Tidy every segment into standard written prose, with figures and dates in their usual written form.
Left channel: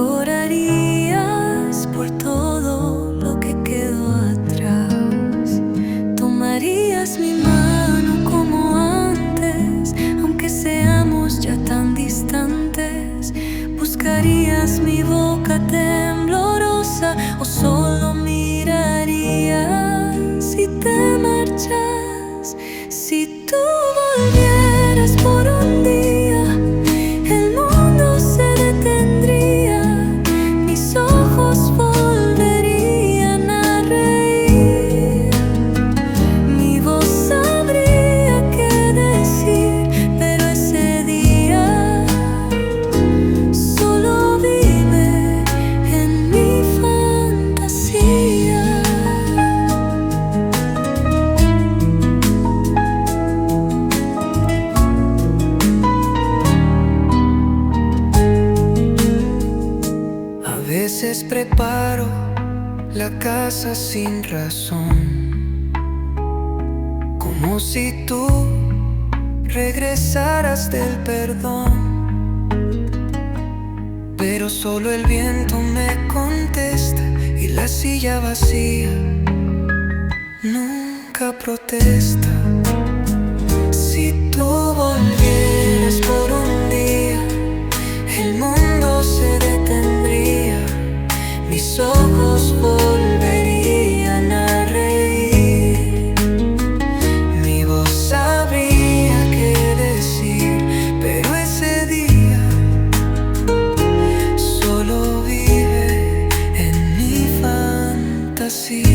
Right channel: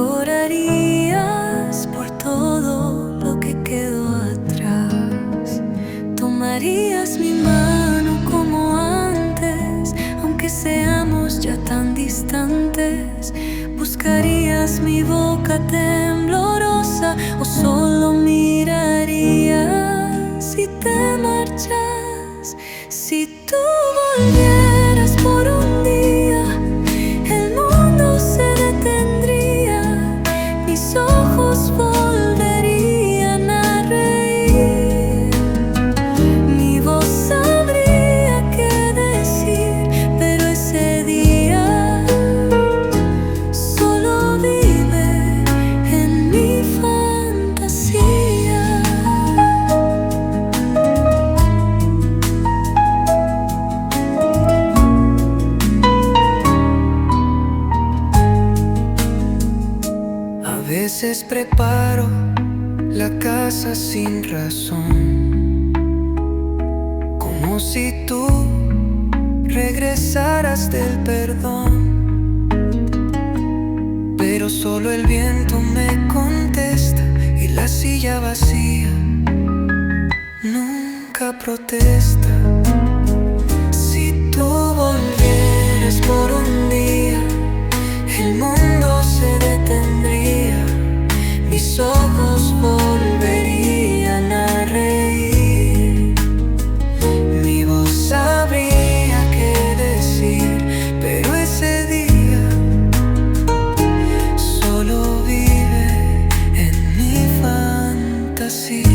llorarías por todo lo que quedó atrás. Tomarías mi mano como antes, aunque seamos ya tan distantes. Buscarías mi boca temblorosa o solo mirarías si te marchas. Si tú volvieras por un día, el mundo se detendría, mis ojos volverían a reír, mi voz sabría qué decir, pero ese día solo vive en mi fantasía. A veces preparo la casa sin razón, como si tú regresaras del perdón. Pero solo el viento me contesta y la silla vacía nunca protesta. Si tú volvieras por un día, el mundo se detendría, mis ojos volverían a reír, mi voz sabría qué decir, pero ese día solo vive en mi fantasía.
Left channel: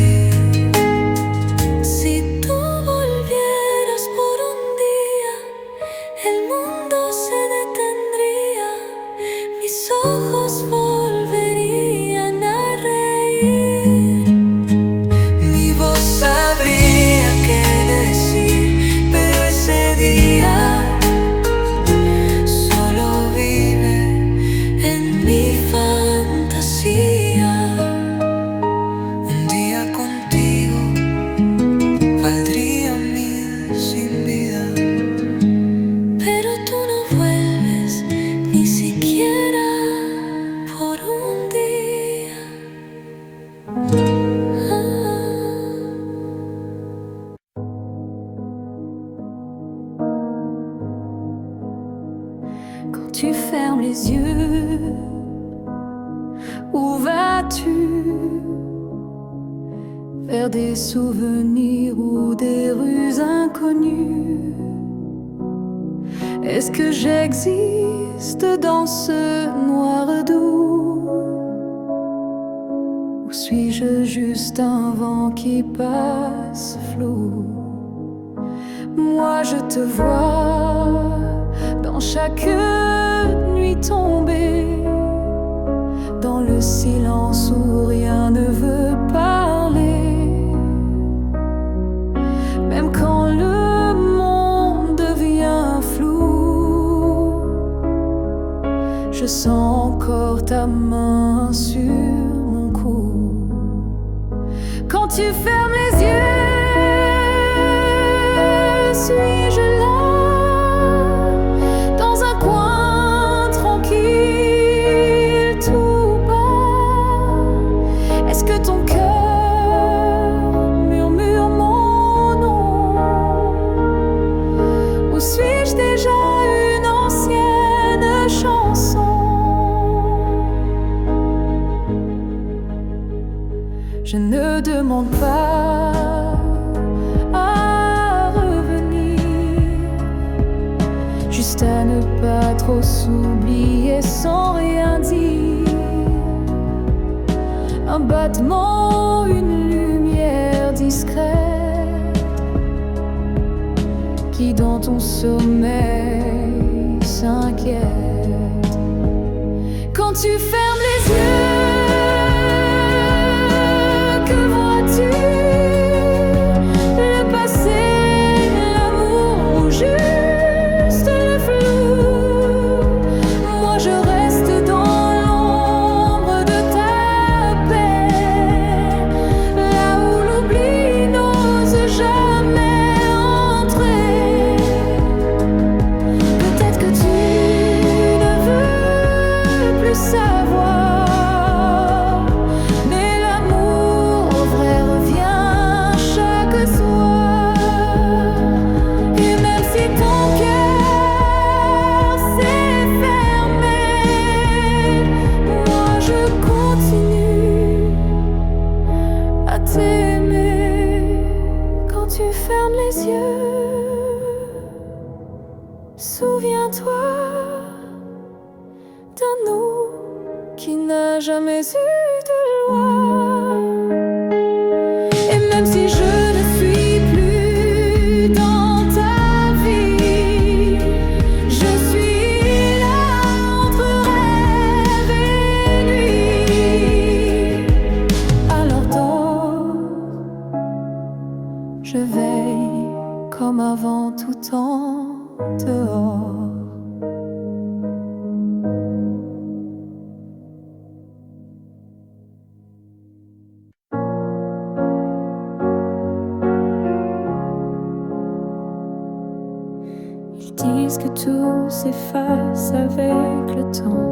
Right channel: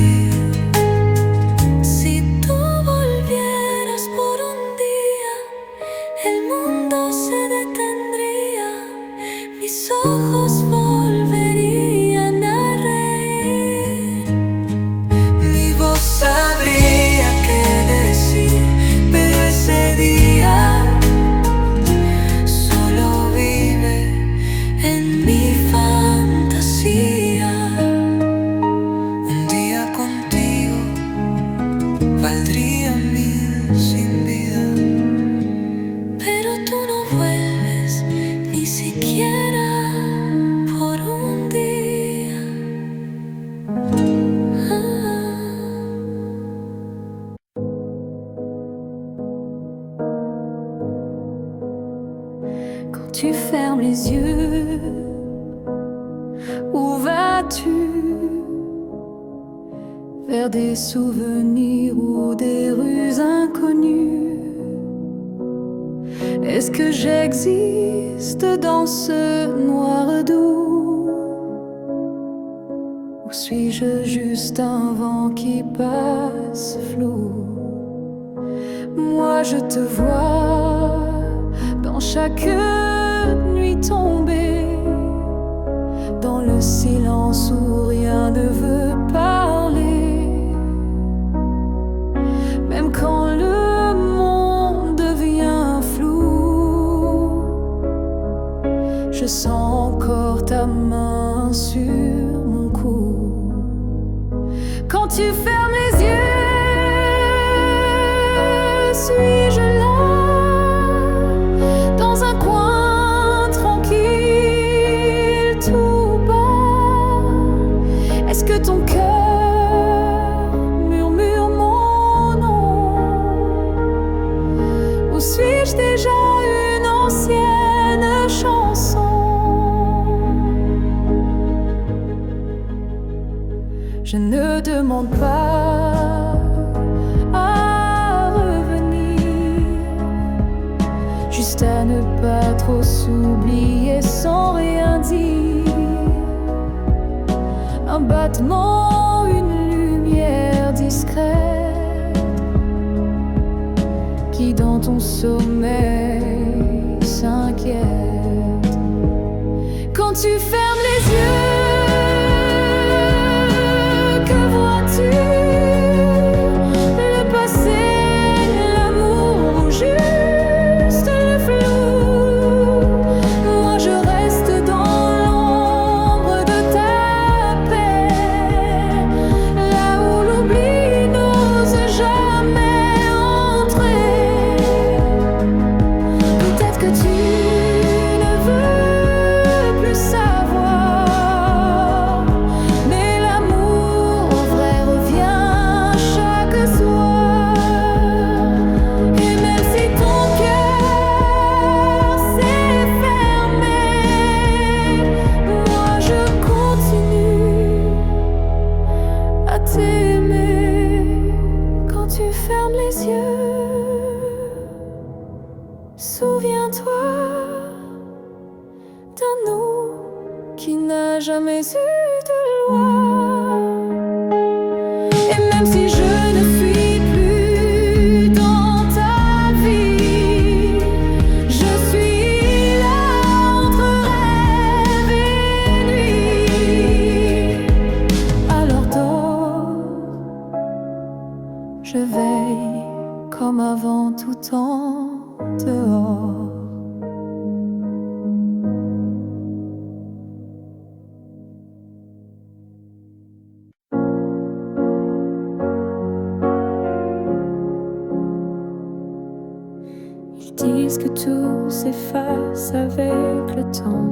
Si tú volvieras por un día, el mundo se detendría, mis ojos volverían a reír, mi voz sabría qué decir, pero ese día solo vive en mi fantasía. Un día contigo valdría 1000 sin vida, pero tú no vuelves ni siquiera por un día. Quand tu fermes les yeux, où vas-tu? Vers des souvenirs ou des rues inconnues? Est-ce que j'existe dans ce noir doux? Ou suis-je juste un vent qui passe flou? Moi je te vois dans chaque nuit tombée, dans le silence où rien ne veut parler. Même quand le monde devient flou, je sens encore ta main sur mon cou. Quand tu fermes les yeux, suis-je là, dans un coin tranquille, tout bas? Est-ce que ton cœur murmure mon nom? Ou suis-je déjà une ancienne chanson? Je ne demande pas à revenir, juste à ne pas trop s'oublier sans rien dire. Un battement, une lumière discrète qui dans ton sommeil s'inquiète. Quand tu fermes les yeux, que vois-tu? Le passé, l'amour ou juste le flou? Moi je reste dans l'ombre de ta paix, là où l'oubli n'ose jamais entrer. Peut-être que tu ne veux plus savoir ferme les yeux, souviens-toi d'un nous qui n'a jamais eu de loi. Et même si je ne suis plus dans ta vie, je suis là entre rêve et nuit. Alors dors, je veille comme avant tout temps dehors. Ils disent que tout s'efface avec le temps,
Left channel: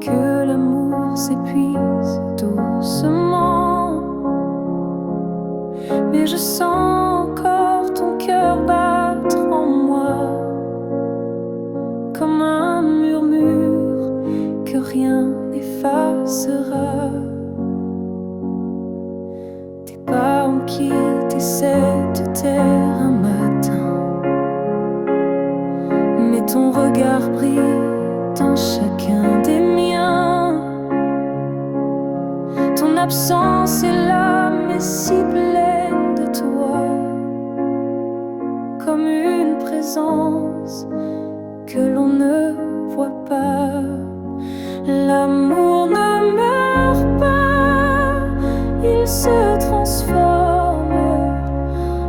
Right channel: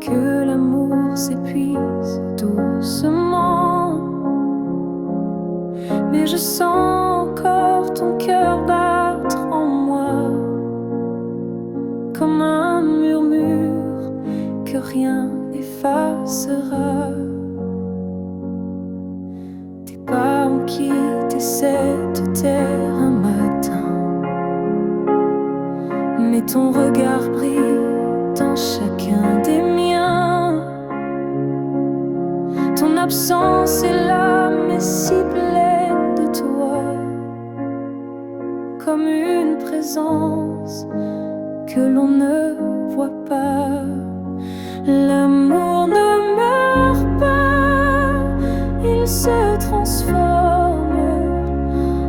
que l'amour s'épuise doucement. Mais je sens encore ton cœur battre en moi, comme un murmure que rien n'effacera. Tes pas ont quitté cette terre un matin, mais ton regard brille dans chacun des miens. Ton absence est là, mais si pleine de toi, comme une présence que l'on ne voit pas. L'amour ne meurt pas, il se transforme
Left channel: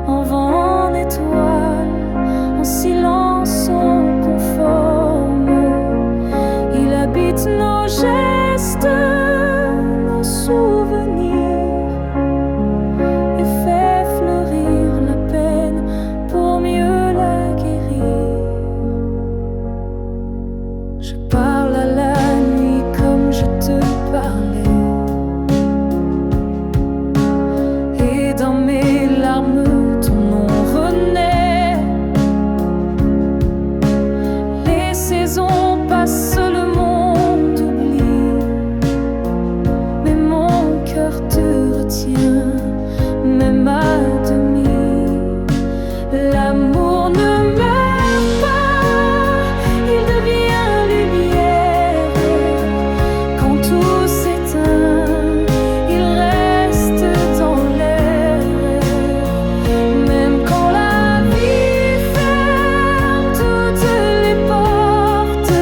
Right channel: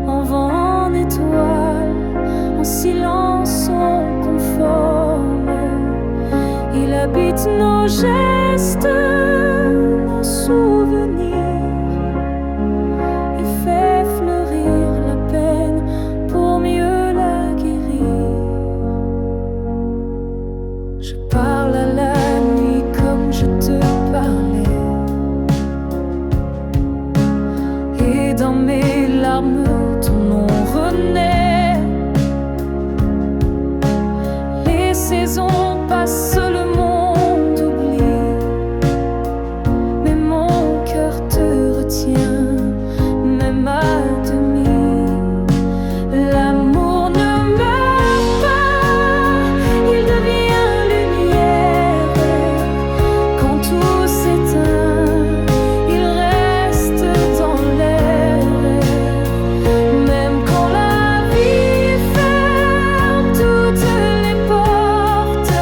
en vent, en étoile, en silence on conforme. Il habite nos gestes, nos souvenirs, et fait fleurir la peine pour mieux la guérir. Je parle à la nuit comme je te parlais, et dans mes larmes ton nom renaît. Les saisons passent, le monde oublie, mais mon cœur te retient, même à demi. L'amour ne meurt pas, il devient lumière. Quand tout s'éteint, il reste dans l'air. Même quand la vie ferme toutes les portes,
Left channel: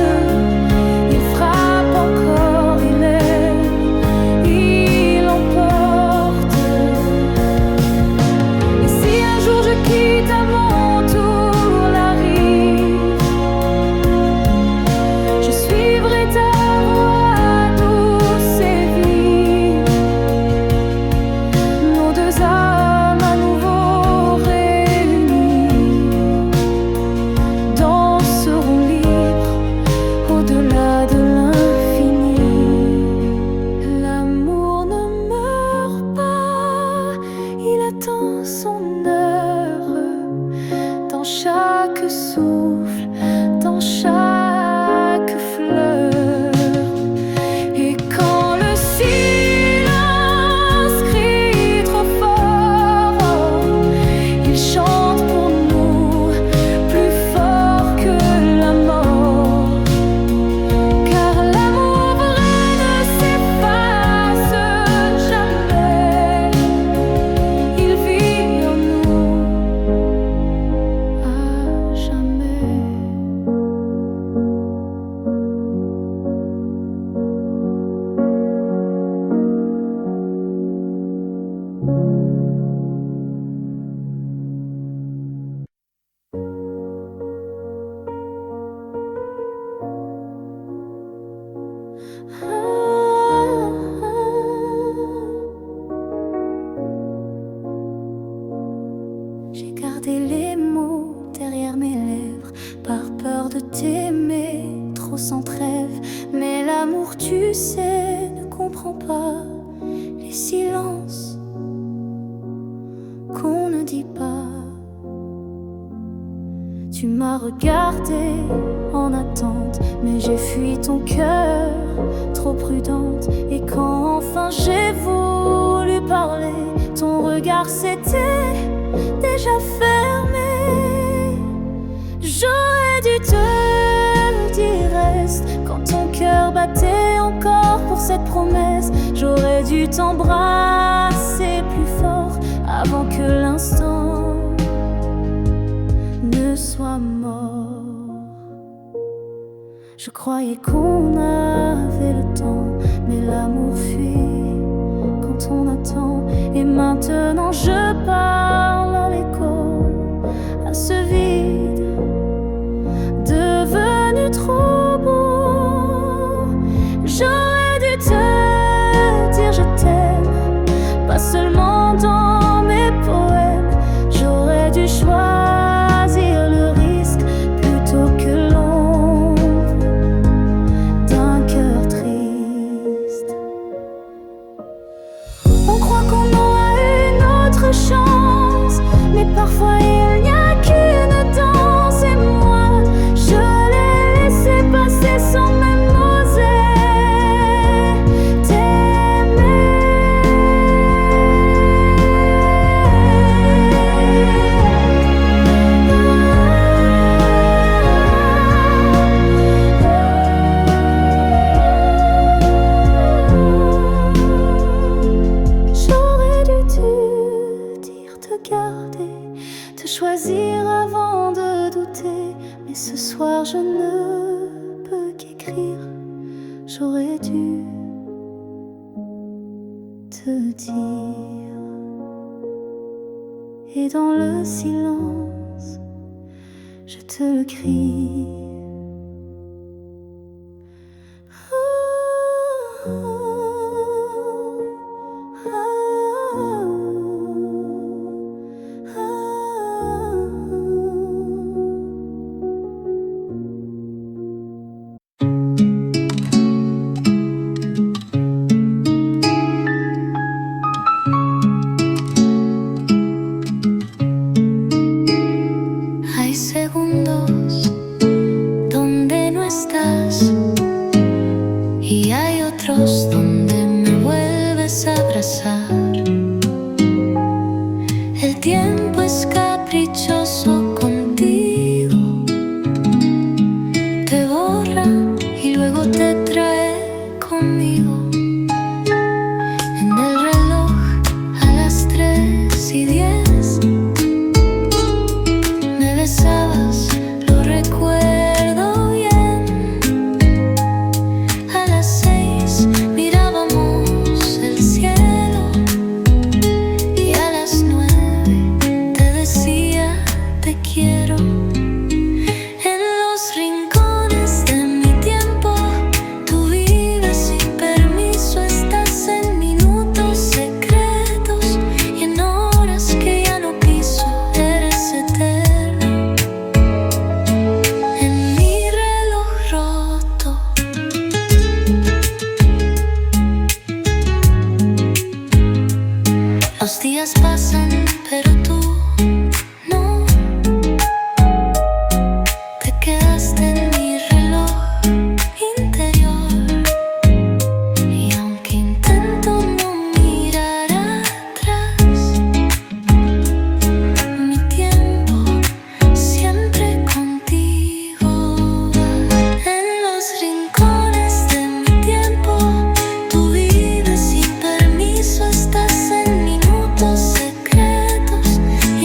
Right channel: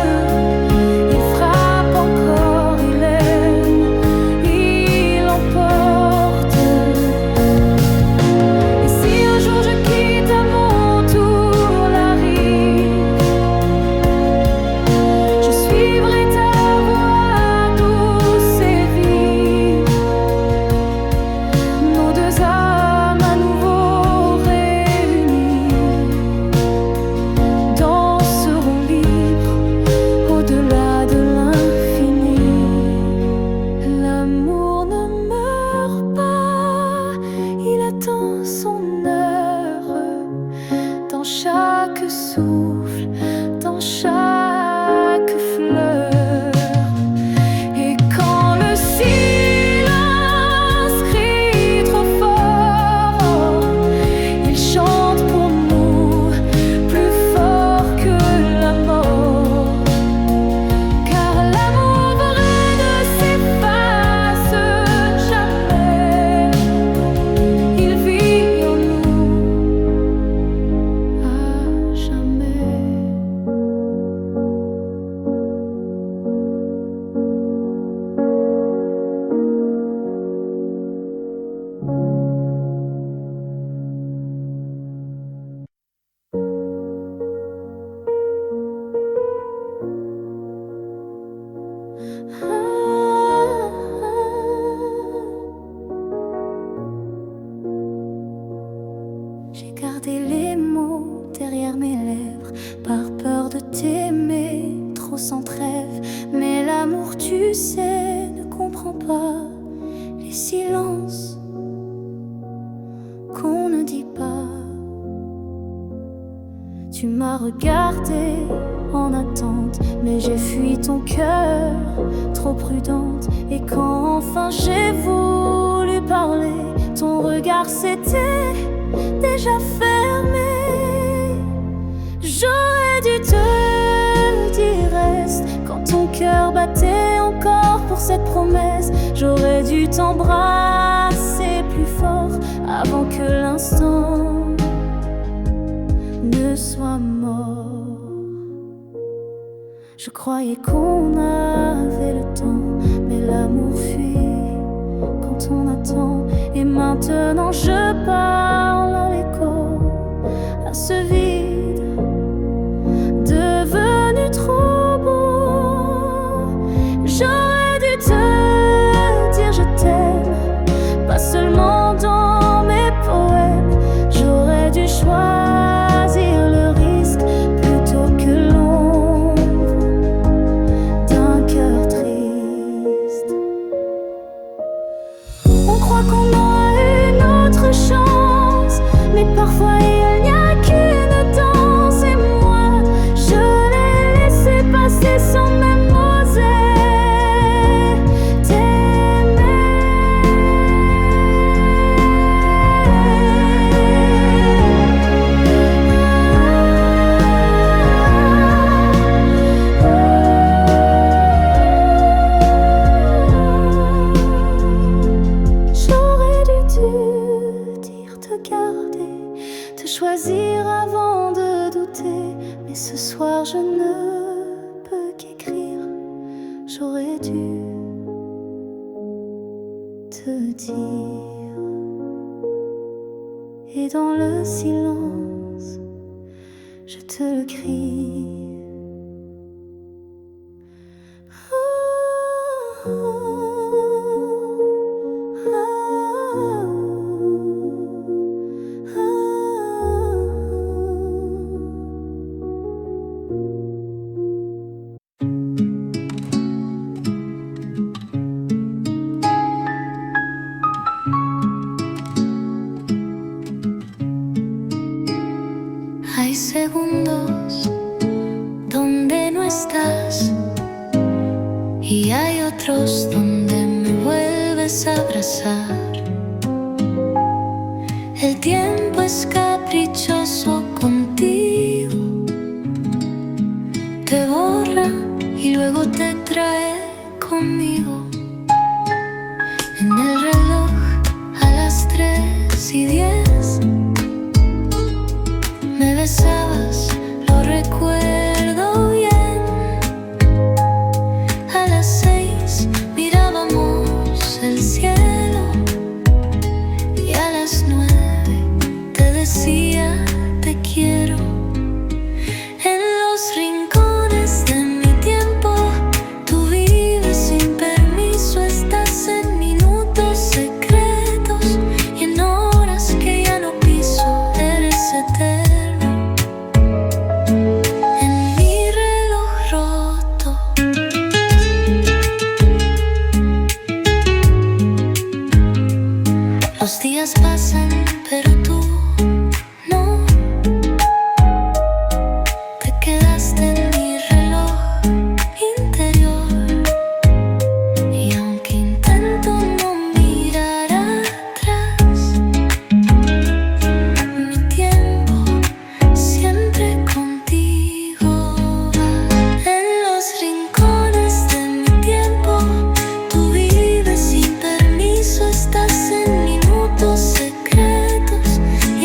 il frappe encore, il aime, il emporte. Et si un jour je quitte à mon tour la rive, je suivrai ta voix douce et vive. Nos deux âmes à nouveau réunies danseront libres au-delà de l'infini. L'amour ne meurt pas, il attend son heure, dans chaque souffle, dans chaque fleur. Et quand le silence crie trop fort, il chante pour nous plus fort que la mort. Car l'amour vrai ne s'efface jamais, il vit en nous à jamais. J'ai gardé les mots derrière mes lèvres, par peur de t'aimer trop sans trêve. Mais l'amour, tu sais, ne comprend pas les silences qu'on ne dit pas. Tu m'as regardé en attente, mais j'ai fui ton cœur, trop prudente. Et quand enfin j'ai voulu parler, ton regard s'était déjà fermé. J'aurais dû te dire reste quand ton cœur battait encore pour cette promesse. J'aurais dû t'embrasser plus fort avant que l'instant ne soit mort. Je croyais qu'on avait le temps, mais l'amour fuit quand on attend. Et maintenant je parle à l'écho, à ce vide devenu trop beau. J'aurais dû te dire je t'aime, pas seulement dans mes poèmes. J'aurais dû choisir le risque plutôt que l'ombre d'un cœur triste. On croit qu'on aura une autre chance, mais parfois il n'y a qu'une danse. Et moi, je l'ai laissé passer sans même oser t'aimer. J'aurais dû te dire te garder, te choisir avant de douter. Mais ce soir je ne peux qu'écrire. J'aurais dû te dire. Et dans le silence, je te le crie. Hay segundos donde no estás y hay otros donde me vuelves a abrazar. El tiempo es caprichoso contigo, te borra y luego te trae conmigo. En el reloj a las 3:10 me besabas, lo recuerdo bien. A las 6 mirábamos el cielo y a las 9 te decía te quiero. En los rincones de mi tiempo tú vives sin permiso, estás en minutos secretos y en horas que ya no piso. Eres eterno en mi reloj roto. Los días pasan, pero tú no. Te quedaste en mi reloj interior. Y aunque intento no mirar atrás, mi tiempo siempre contigo va. En los rincones de mi tiempo tú vives sin permiso, estás en minutos secretos y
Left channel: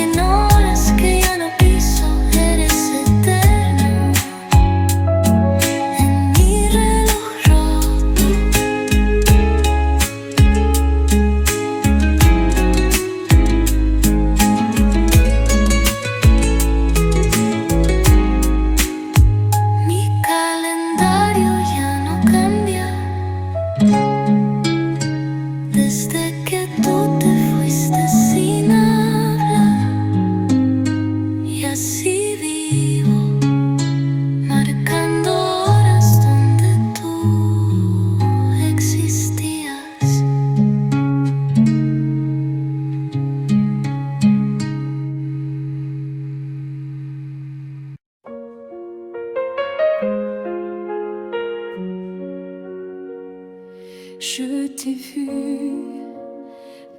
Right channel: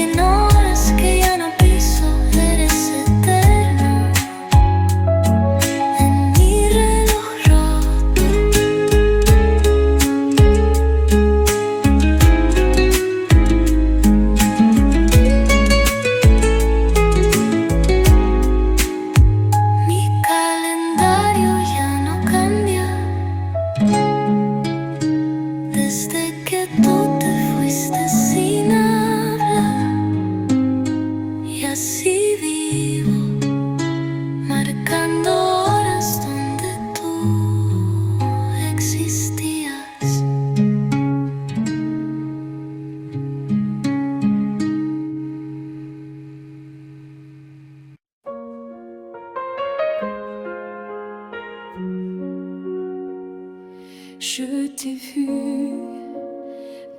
Je t'ai vu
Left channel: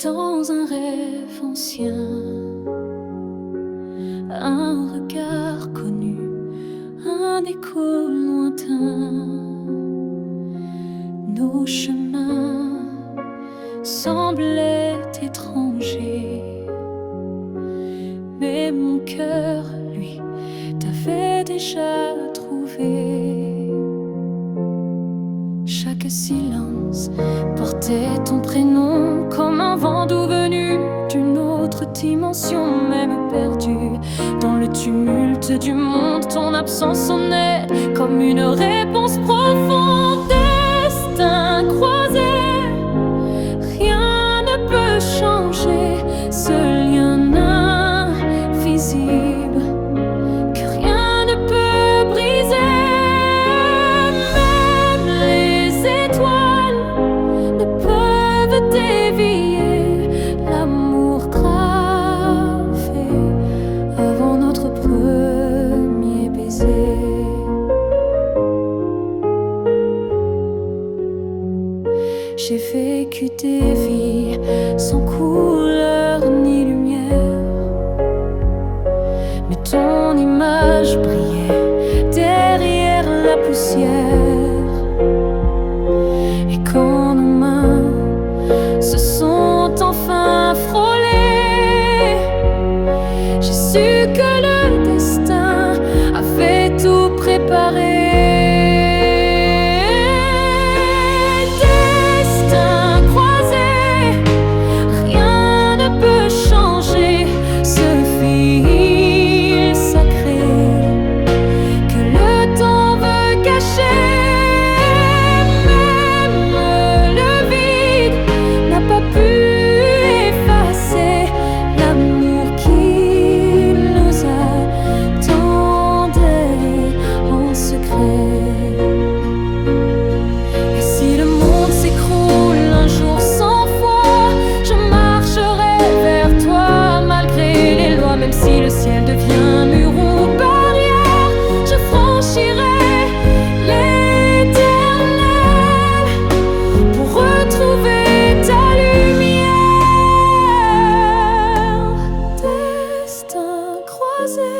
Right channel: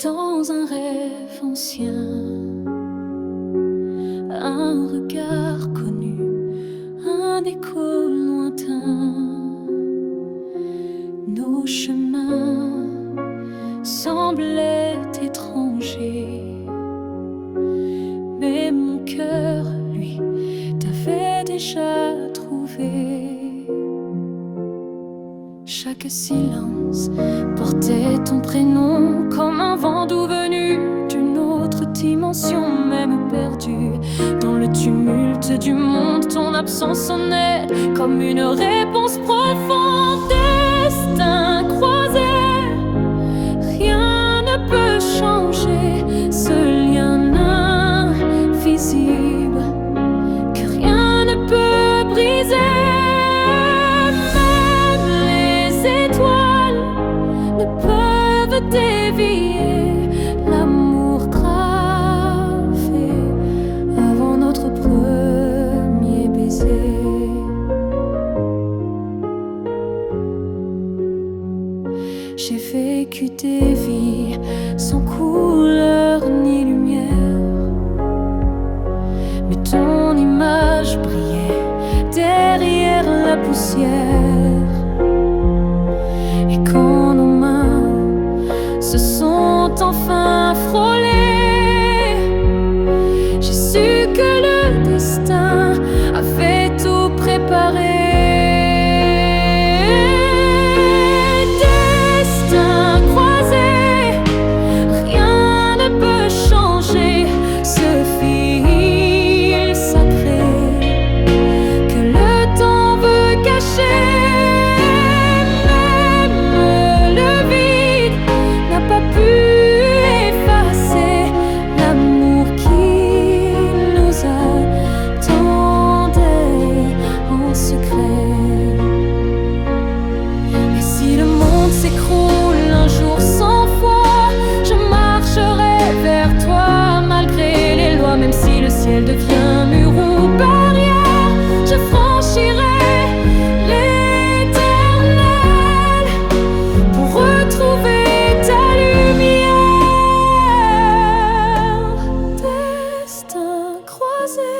dans un rêve ancien, un regard connu, un écho lointain. Nos chemins semblaient étrangers, mais mon cœur, lui, t'avait déjà trouvé. Chaque silence portait ton prénom, comme un vent doux venu d'une autre dimension. Même perdu dans le tumulte du monde, ton absence sonnait comme une réponse profonde. Destin croisé, rien ne peut changer ce lien invisible que rien ne peut briser. Même les étoiles ne peuvent dévier l'amour gravé avant notre premier baiser. J'ai vécu des vies sans couleur ni lumière, mais ton image brillait derrière la poussière. Et quand nos mains se sont enfin frôlées, j'ai su que le destin avait tout préparé. Ce fil sacré que le temps veut cacher. Même le vide n'a pas pu effacer l'amour qui nous attendait en secret. Et si le monde s'écroule un jour sans foi, je marcherai vers toi malgré les lois. Même si le ciel devient mur ou barrière, je franchirai l'éternel pour retrouver ta lumière. Destin croisé,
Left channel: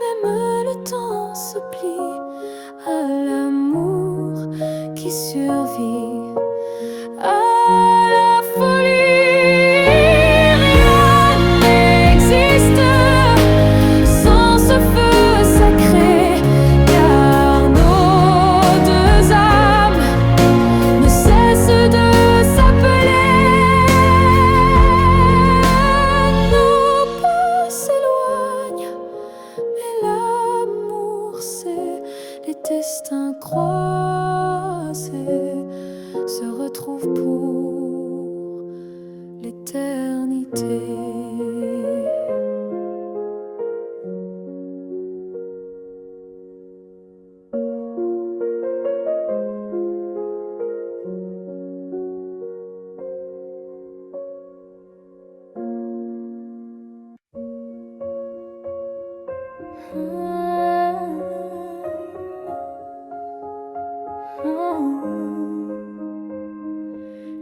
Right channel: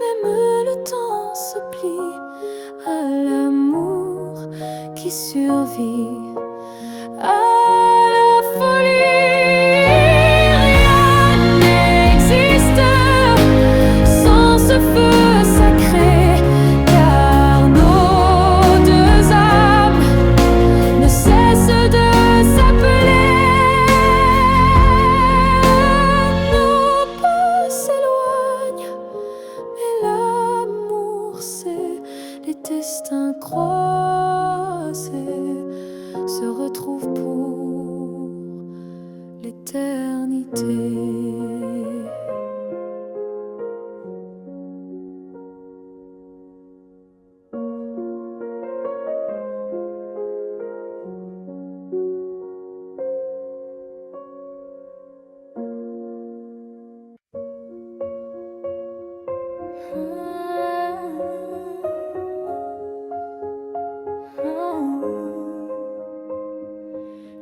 même le temps se plie à l'amour qui survit à la folie. Ce feu sacré, car nos deux âmes ne cessent de s'appeler. Nos pas s'éloignent, mais l'amour c'est les destins croisés se retrouvent pour l'éternité.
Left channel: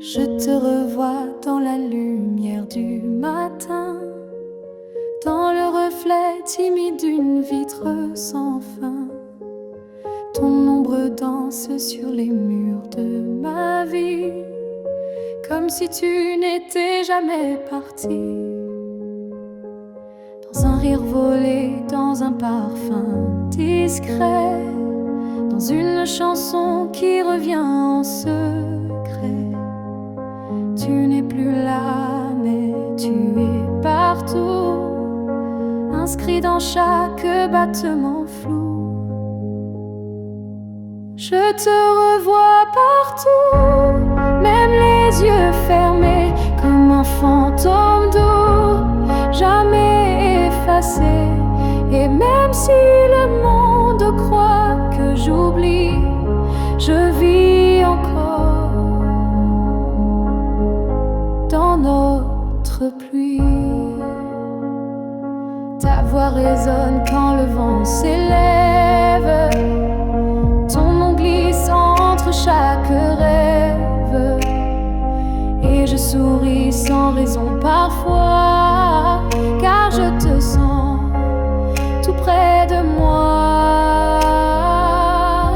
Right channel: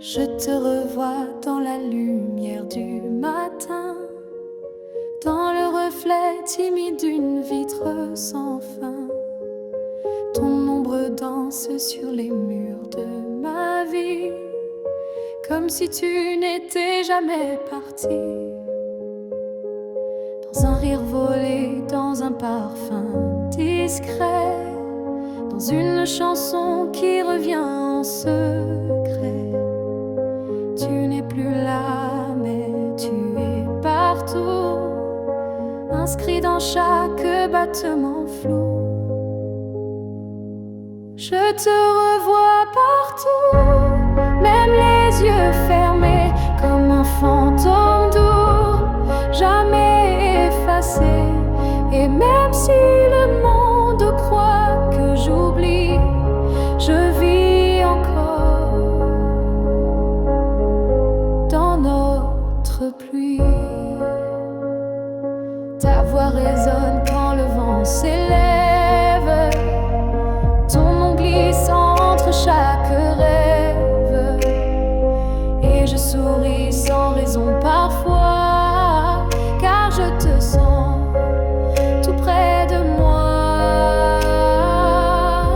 Je te revois dans la lumière du matin, dans le reflet timide d'une vitre sans fin. Ton ombre danse sur les murs de ma vie, comme si tu n'étais jamais parti. Dans un rire volé, dans un parfum discret, dans une chanson qui revient en secret. Tu n'es plus là, mais tu es partout, inscrit dans chaque battement flou. Je te revois partout, même les yeux fermés, comme un fantôme doux, jamais effacé. Et même si le monde croit que j'oublie, je vis encore dans notre pluie. Ta voix résonne quand le vent s'élève, ton nom glisse entre chaque rêve. souris sans raison parfois, car je te sens tout près de moi.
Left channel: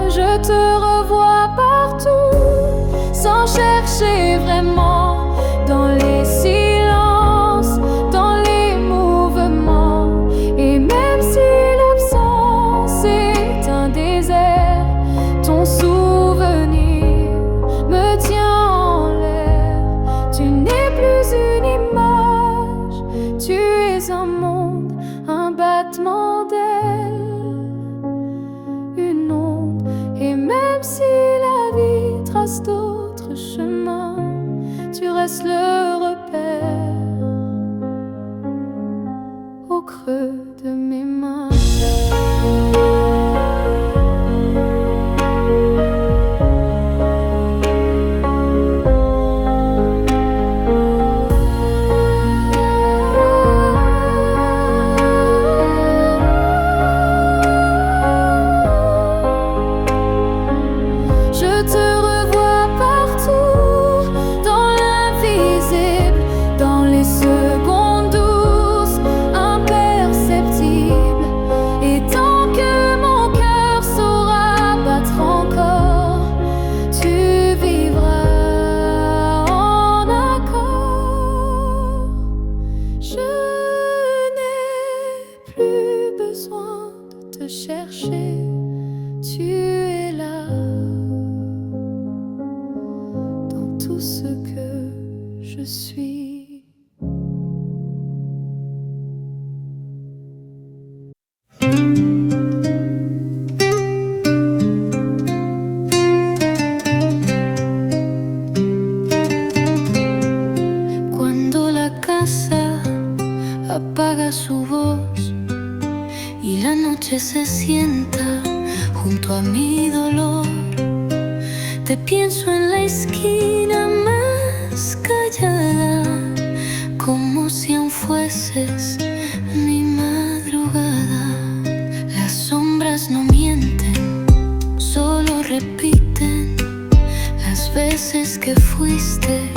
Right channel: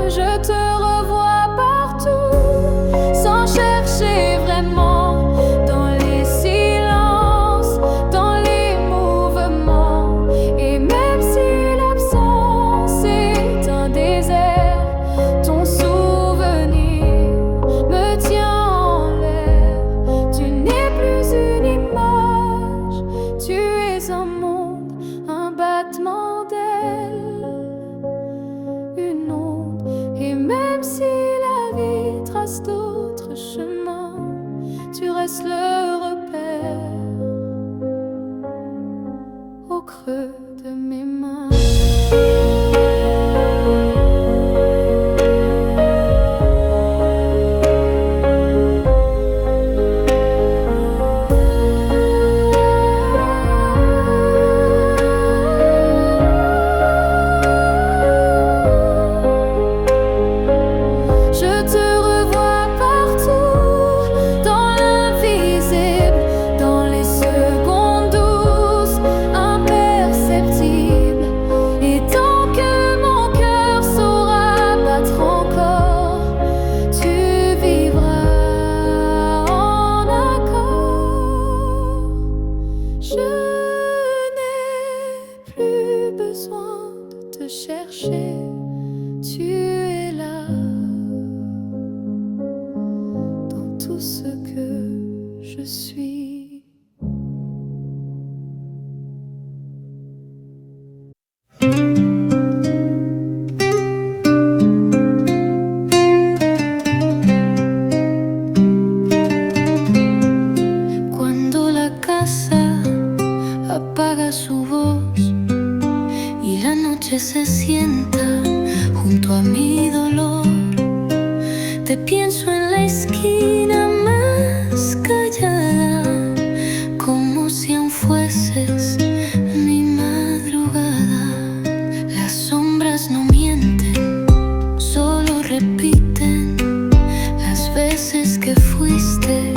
Je te revois partout, sans chercher vraiment, dans les silences, dans les mouvements. Et même si l'absence est un désert, ton souvenir me tient en l'air. Tu n'es plus une image, tu es un monde, un battement d'ailes, une onde. Et même si la vie trace d'autres chemins, tu restes le repère au creux de mes mains. Je te revois partout, dans l'invisible, dans les secondes douces, imperceptibles. Et tant que mon cœur saura battre encore, tu vivras en accord. Je n'ai plus besoin de te chercher, tu es là. Tout ce que je suis. Cuando la casa apaga su voz y la noche se sienta junto a mi dolor, te pienso en la esquina más callada, como si aún fueses mi madrugada. Las sombras no mienten, solo repiten las veces que fuiste,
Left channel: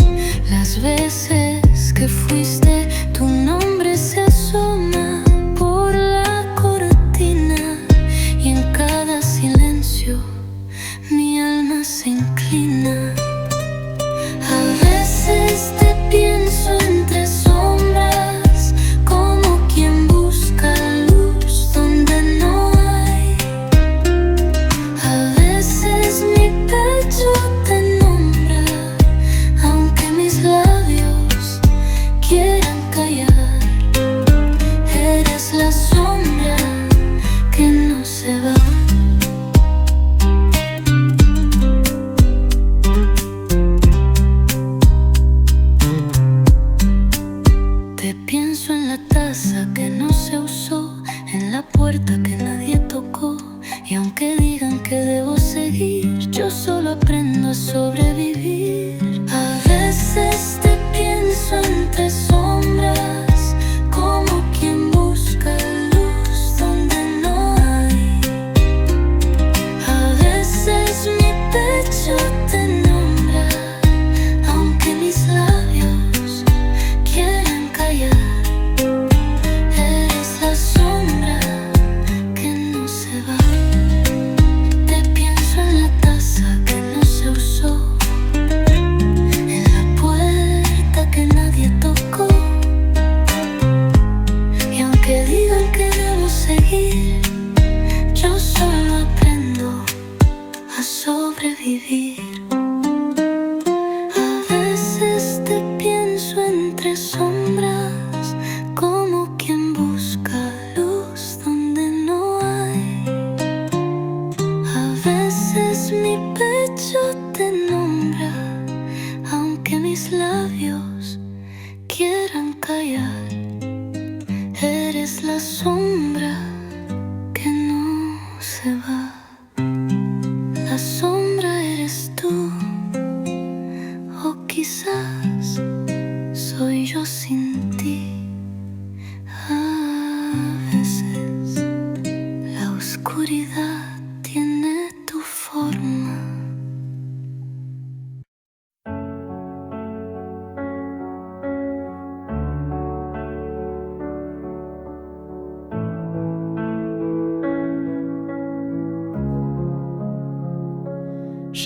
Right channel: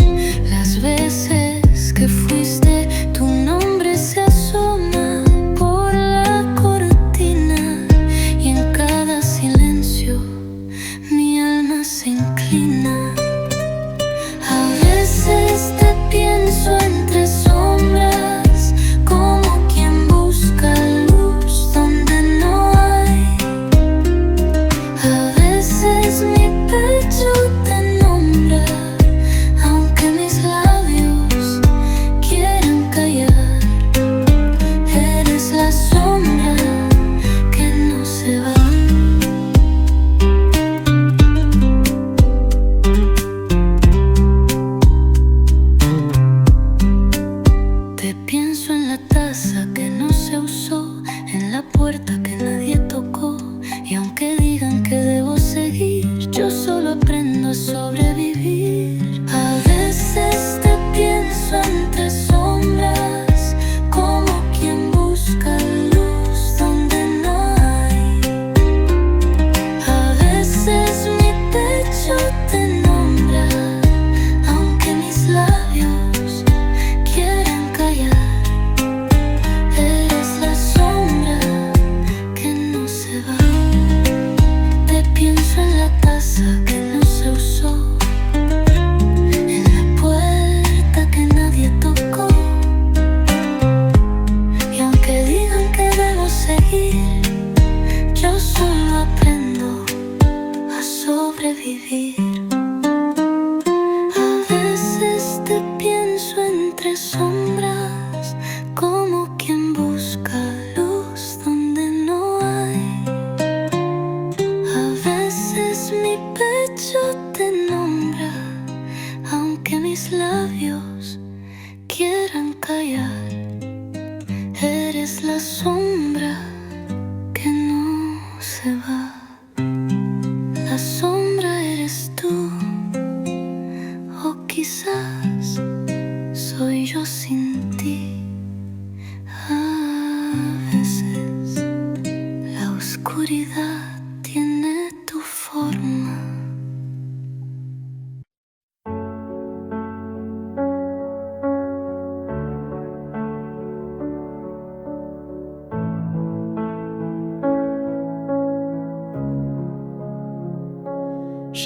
las veces que fuiste. Tu nombre se asoma por la cortina y en cada silencio mi alma se inclina. A veces te pienso entre sombras, como quien busca luz donde no hay. A veces mi pecho te nombra, aunque mis labios quieran callar. Eres la sombra que no se va. Pienso en la taza que no se usó, en la puerta que nadie tocó. Y aunque digan que debo seguir, yo solo aprendo a sobrevivir. A veces te pienso entre sombras, como quien busca luz donde no hay. A veces mi pecho te nombra, aunque mis labios quieran callar. Eres la sombra que no se va. Te pienso en la taza que no se usó, en la puerta que nadie tocó. Y aunque digan que debo seguir, yo solo aprendo a sobrevivir. A veces te pienso entre sombras, como quien busca luz donde no hay. A veces mi pecho te nombra, aunque mis labios quieran callar. Eres la sombra que no se va. La sombra eres tú, o quizás soy yo sin ti. A veces la oscuridad tiene tu forma.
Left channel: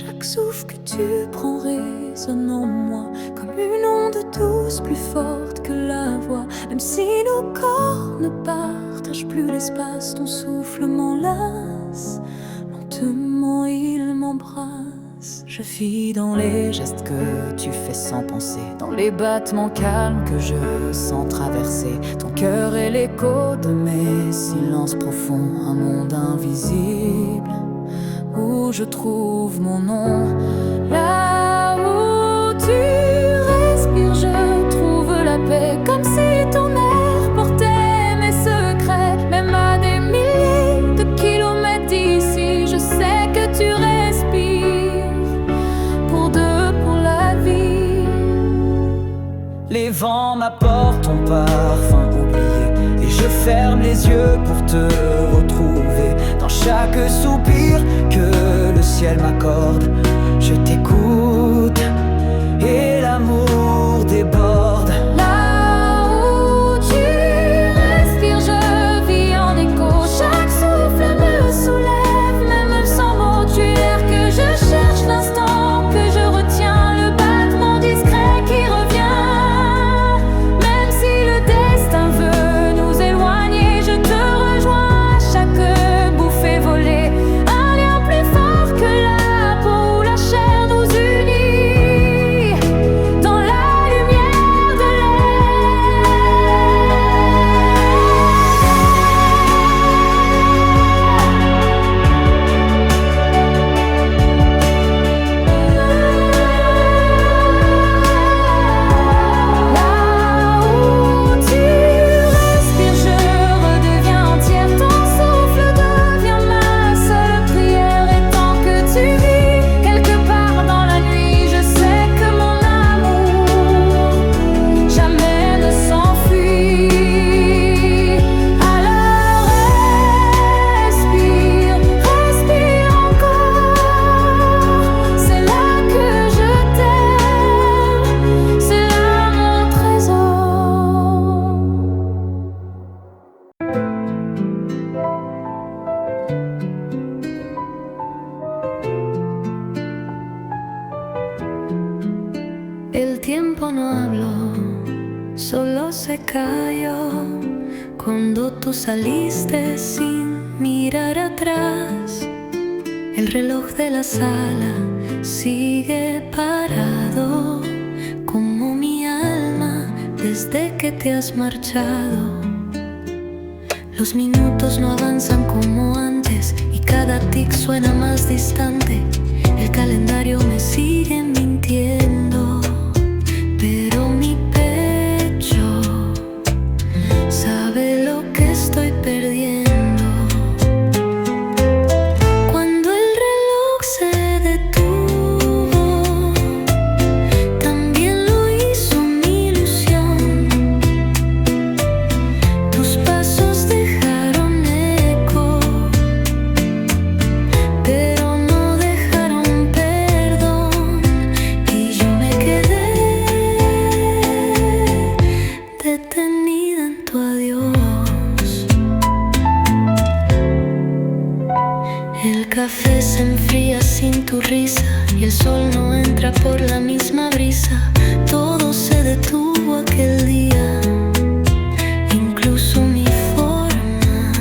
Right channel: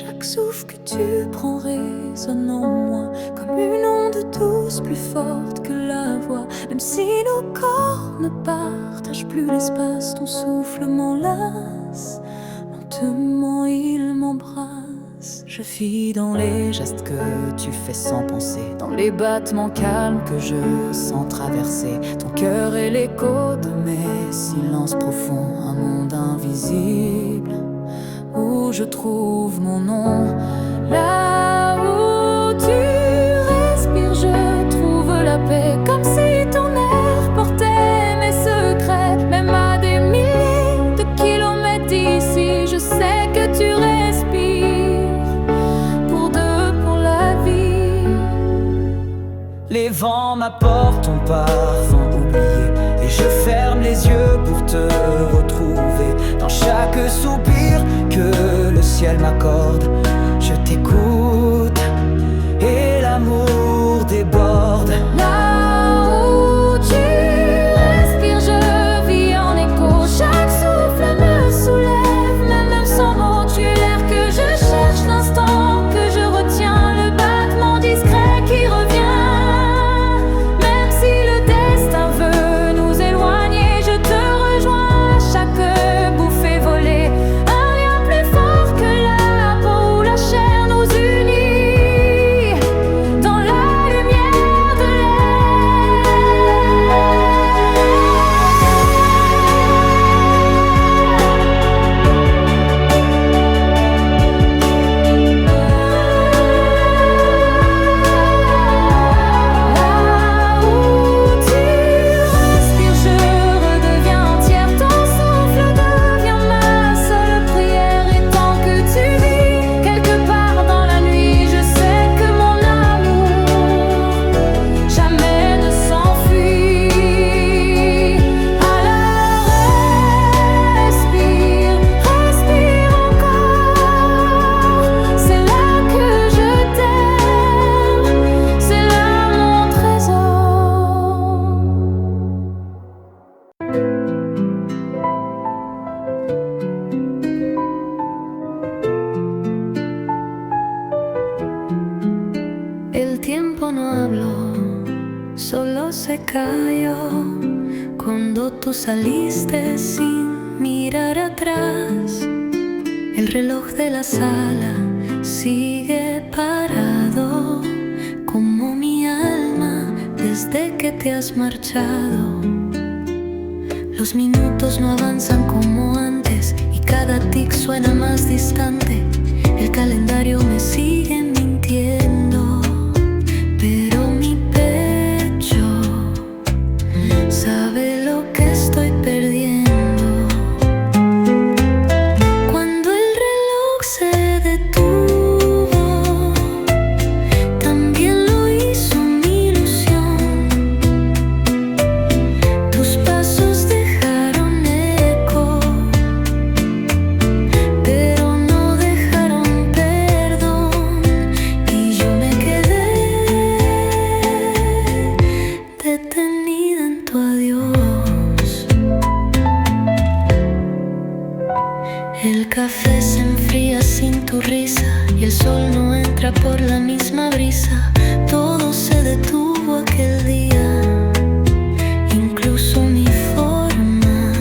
Chaque souffle que tu prends résonne en moi comme une onde douce plus forte que la voix. Même si nos corps ne partagent plus l'espace, ton souffle m'enlace, lentement il m'embrasse. Je vis dans les gestes que tu fais sans penser, dans les battements calmes que je sens traverser ton cœur et l'écho de mes silences profonds. Un monde invisible où je trouve mon nom. Là où tu respires, je trouve la paix, comme si ton air portait mes secrets. Même à des milliers de kilomètres d'ici, je sais que tu respires pour deux, pour la vie. Les vents m'apportent ton parfum oublié, et je ferme les yeux pour te retrouver. Dans chaque soupir que le ciel m'accorde, je t'écoute et l'amour déborde. Là où tu respires, je vis en écho. Chaque souffle me soulève, même sans mots. Tu es l'air que je cherche, l'instant que je retiens, le battement discret qui revient. Même si le destin veut nous éloigner, je te rejoins à chaque bouffée volée. Un lien plus fort que la peau ou la chair nous unit dans la lumière de Là où tu respires, je redeviens entière. Ton souffle devient ma seule prière. Et tant que tu vis quelque part dans la nuit, je sais que mon amour jamais ne s'enfuit. Alors respire, respire encore. C'est là que je t'aime, c'est là mon trésor. El tiempo no habló, solo se cayó cuando tú saliste sin mirar atrás. El reloj de la sala sigue parado, como mi alma desde que te has marchado. Los minutos no avanzan como antes y cada tic suena más distante. El calendario me sigue mintiendo, pero mi pecho sabe lo que estoy perdiendo. Cuando el reloj se detuvo, también lo hizo mi ilusión. Tus pasos dejaron eco, pero no dejaron perdón. Y yo me quedé detenida en tu adiós. El café se enfría sin tu risa y el sol no entra por la misma brisa. Todo se detuvo aquel día, incluso mi forma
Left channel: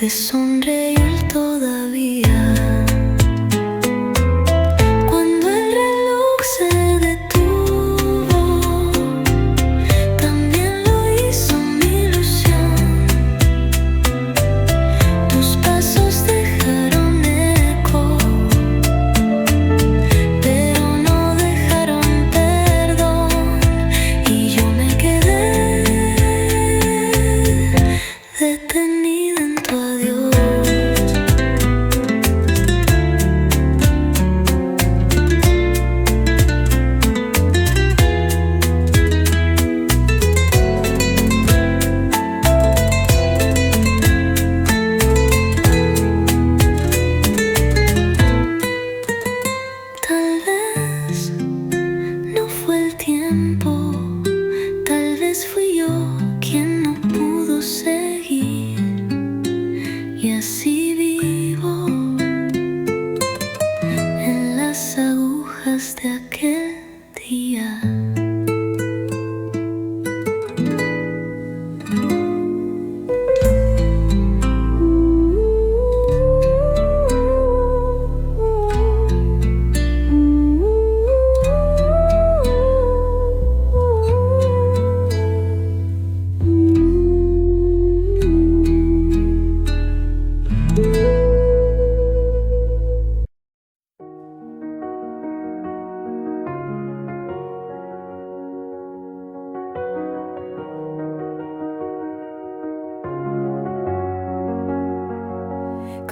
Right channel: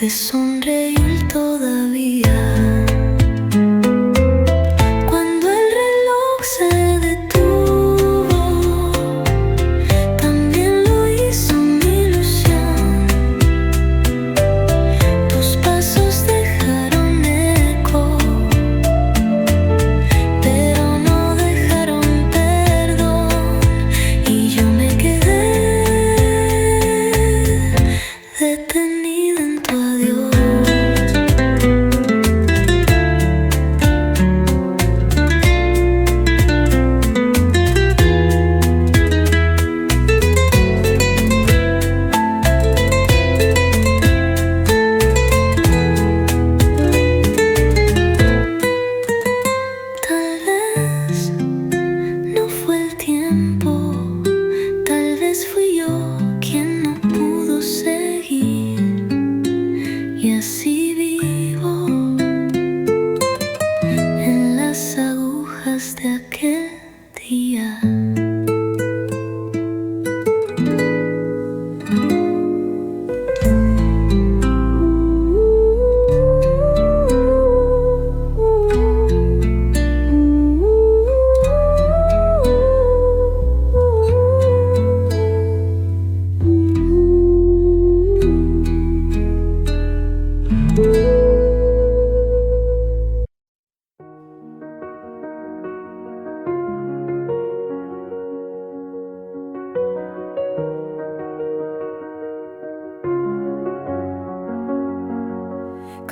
de sonreír todavía. Cuando el reloj se detuvo, también lo hizo mi ilusión. Tus pasos dejaron eco, pero no dejaron perdón. Y yo me quedé detenida en tu adiós.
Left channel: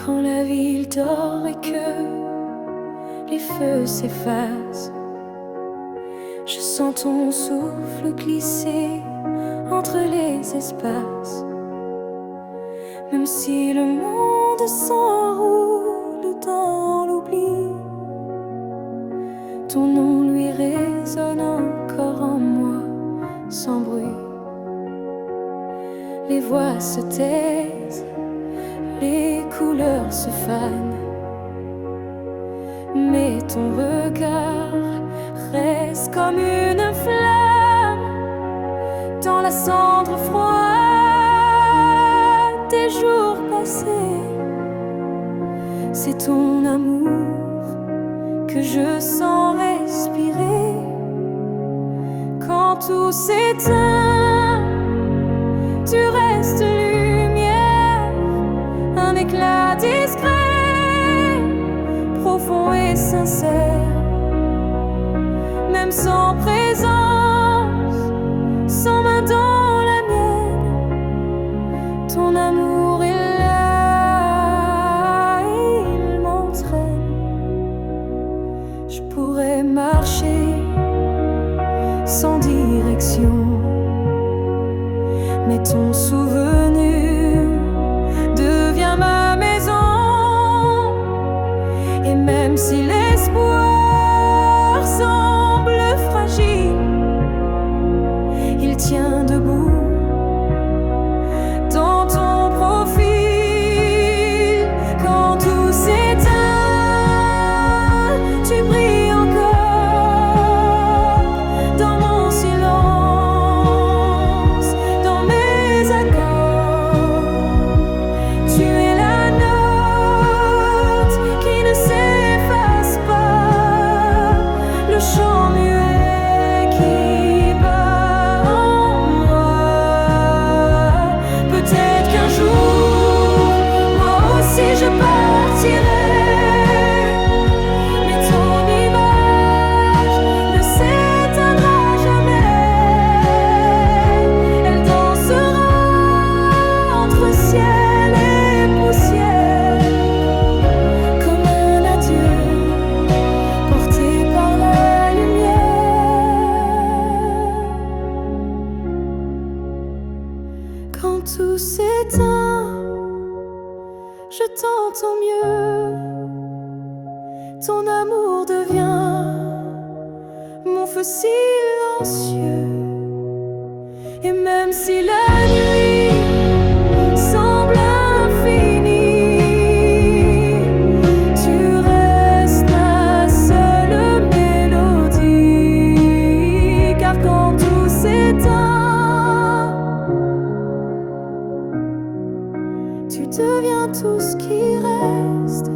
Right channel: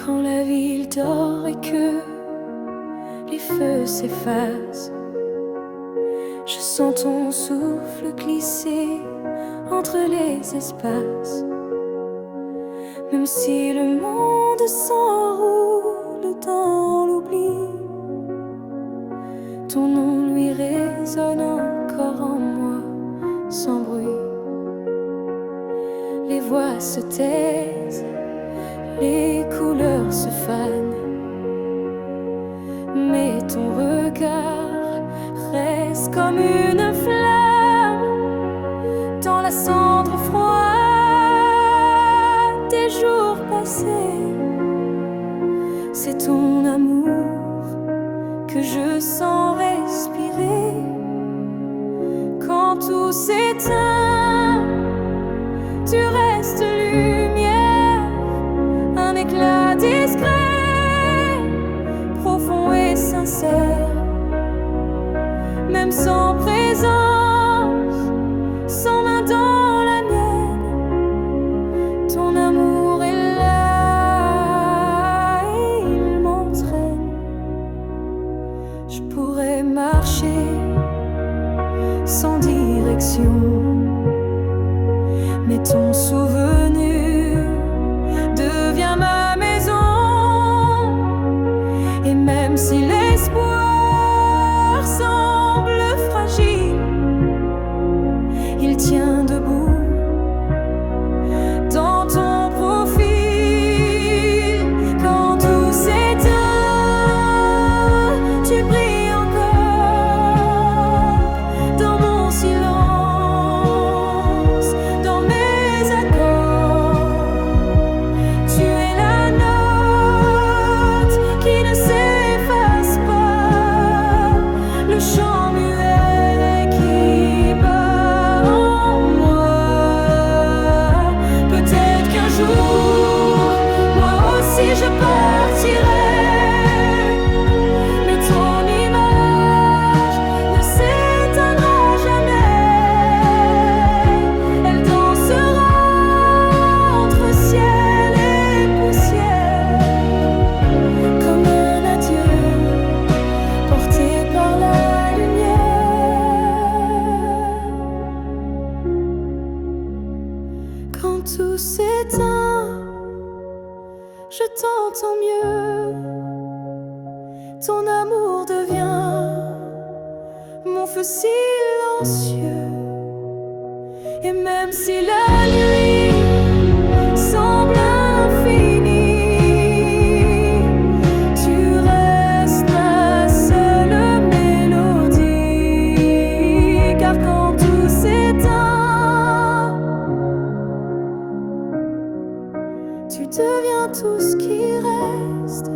Quand la ville dort et que les feux s'effacent, je sens ton souffle glisser entre les espaces. Même si le monde s'enroule dans l'oubli, ton nom lui résonne encore en moi sans bruit. Les voix se taisent, les couleurs se fanent, mais ton regard reste comme une flamme dans la cendre froide des jours passés. C'est ton amour que je sens respirer quand tout s'éteint. Tu restes lumière, un éclat discret, profond et sincère. Même sans présence, sans main dans la mienne, ton amour est là et il m'entraîne. Je pourrais marcher sans direction, mais ton souvenir devient ma maison. Et même si l'espoir semble fragile, il tient debout dans ton profil. Quand tout s'éteint, tu brilles encore dans mon silence, dans mes accords. Tu es la note qui ne s'efface pas, le chant muet qui bat en moi. Peut-être qu'un jour, moi aussi je partirai, mais ton image ne s'éteindra jamais. Elle dansera entre ciel et poussière, comme un adieu porté par la lumière. Quand tout s'éteint, je t'entends mieux. Ton amour devient mon feu silencieux. Et même si la nuit semble infinie, tu restes ma seule mélodie. Car quand tout s'éteint, tu deviens tout ce qui reste.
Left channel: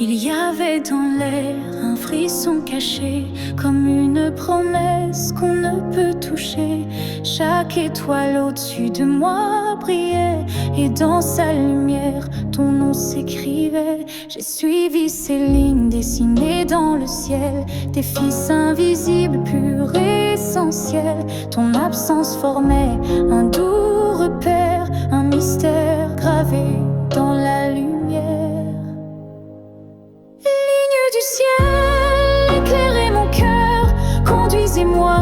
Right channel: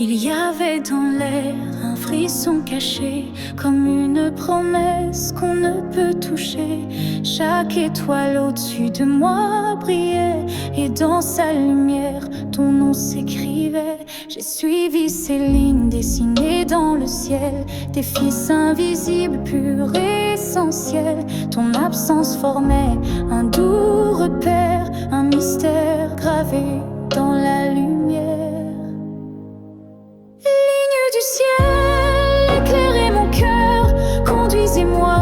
Il y avait dans l'air un frisson caché, comme une promesse qu'on ne peut toucher. Chaque étoile au-dessus de moi brillait, et dans sa lumière, ton nom s'écrivait. J'ai suivi ces lignes dessinées dans le ciel, des fils invisibles, purs et essentiels. Ton absence formait un doux repère, un mystère gravé dans la lumière. Du ciel, éclairez mon cœur, conduisez-moi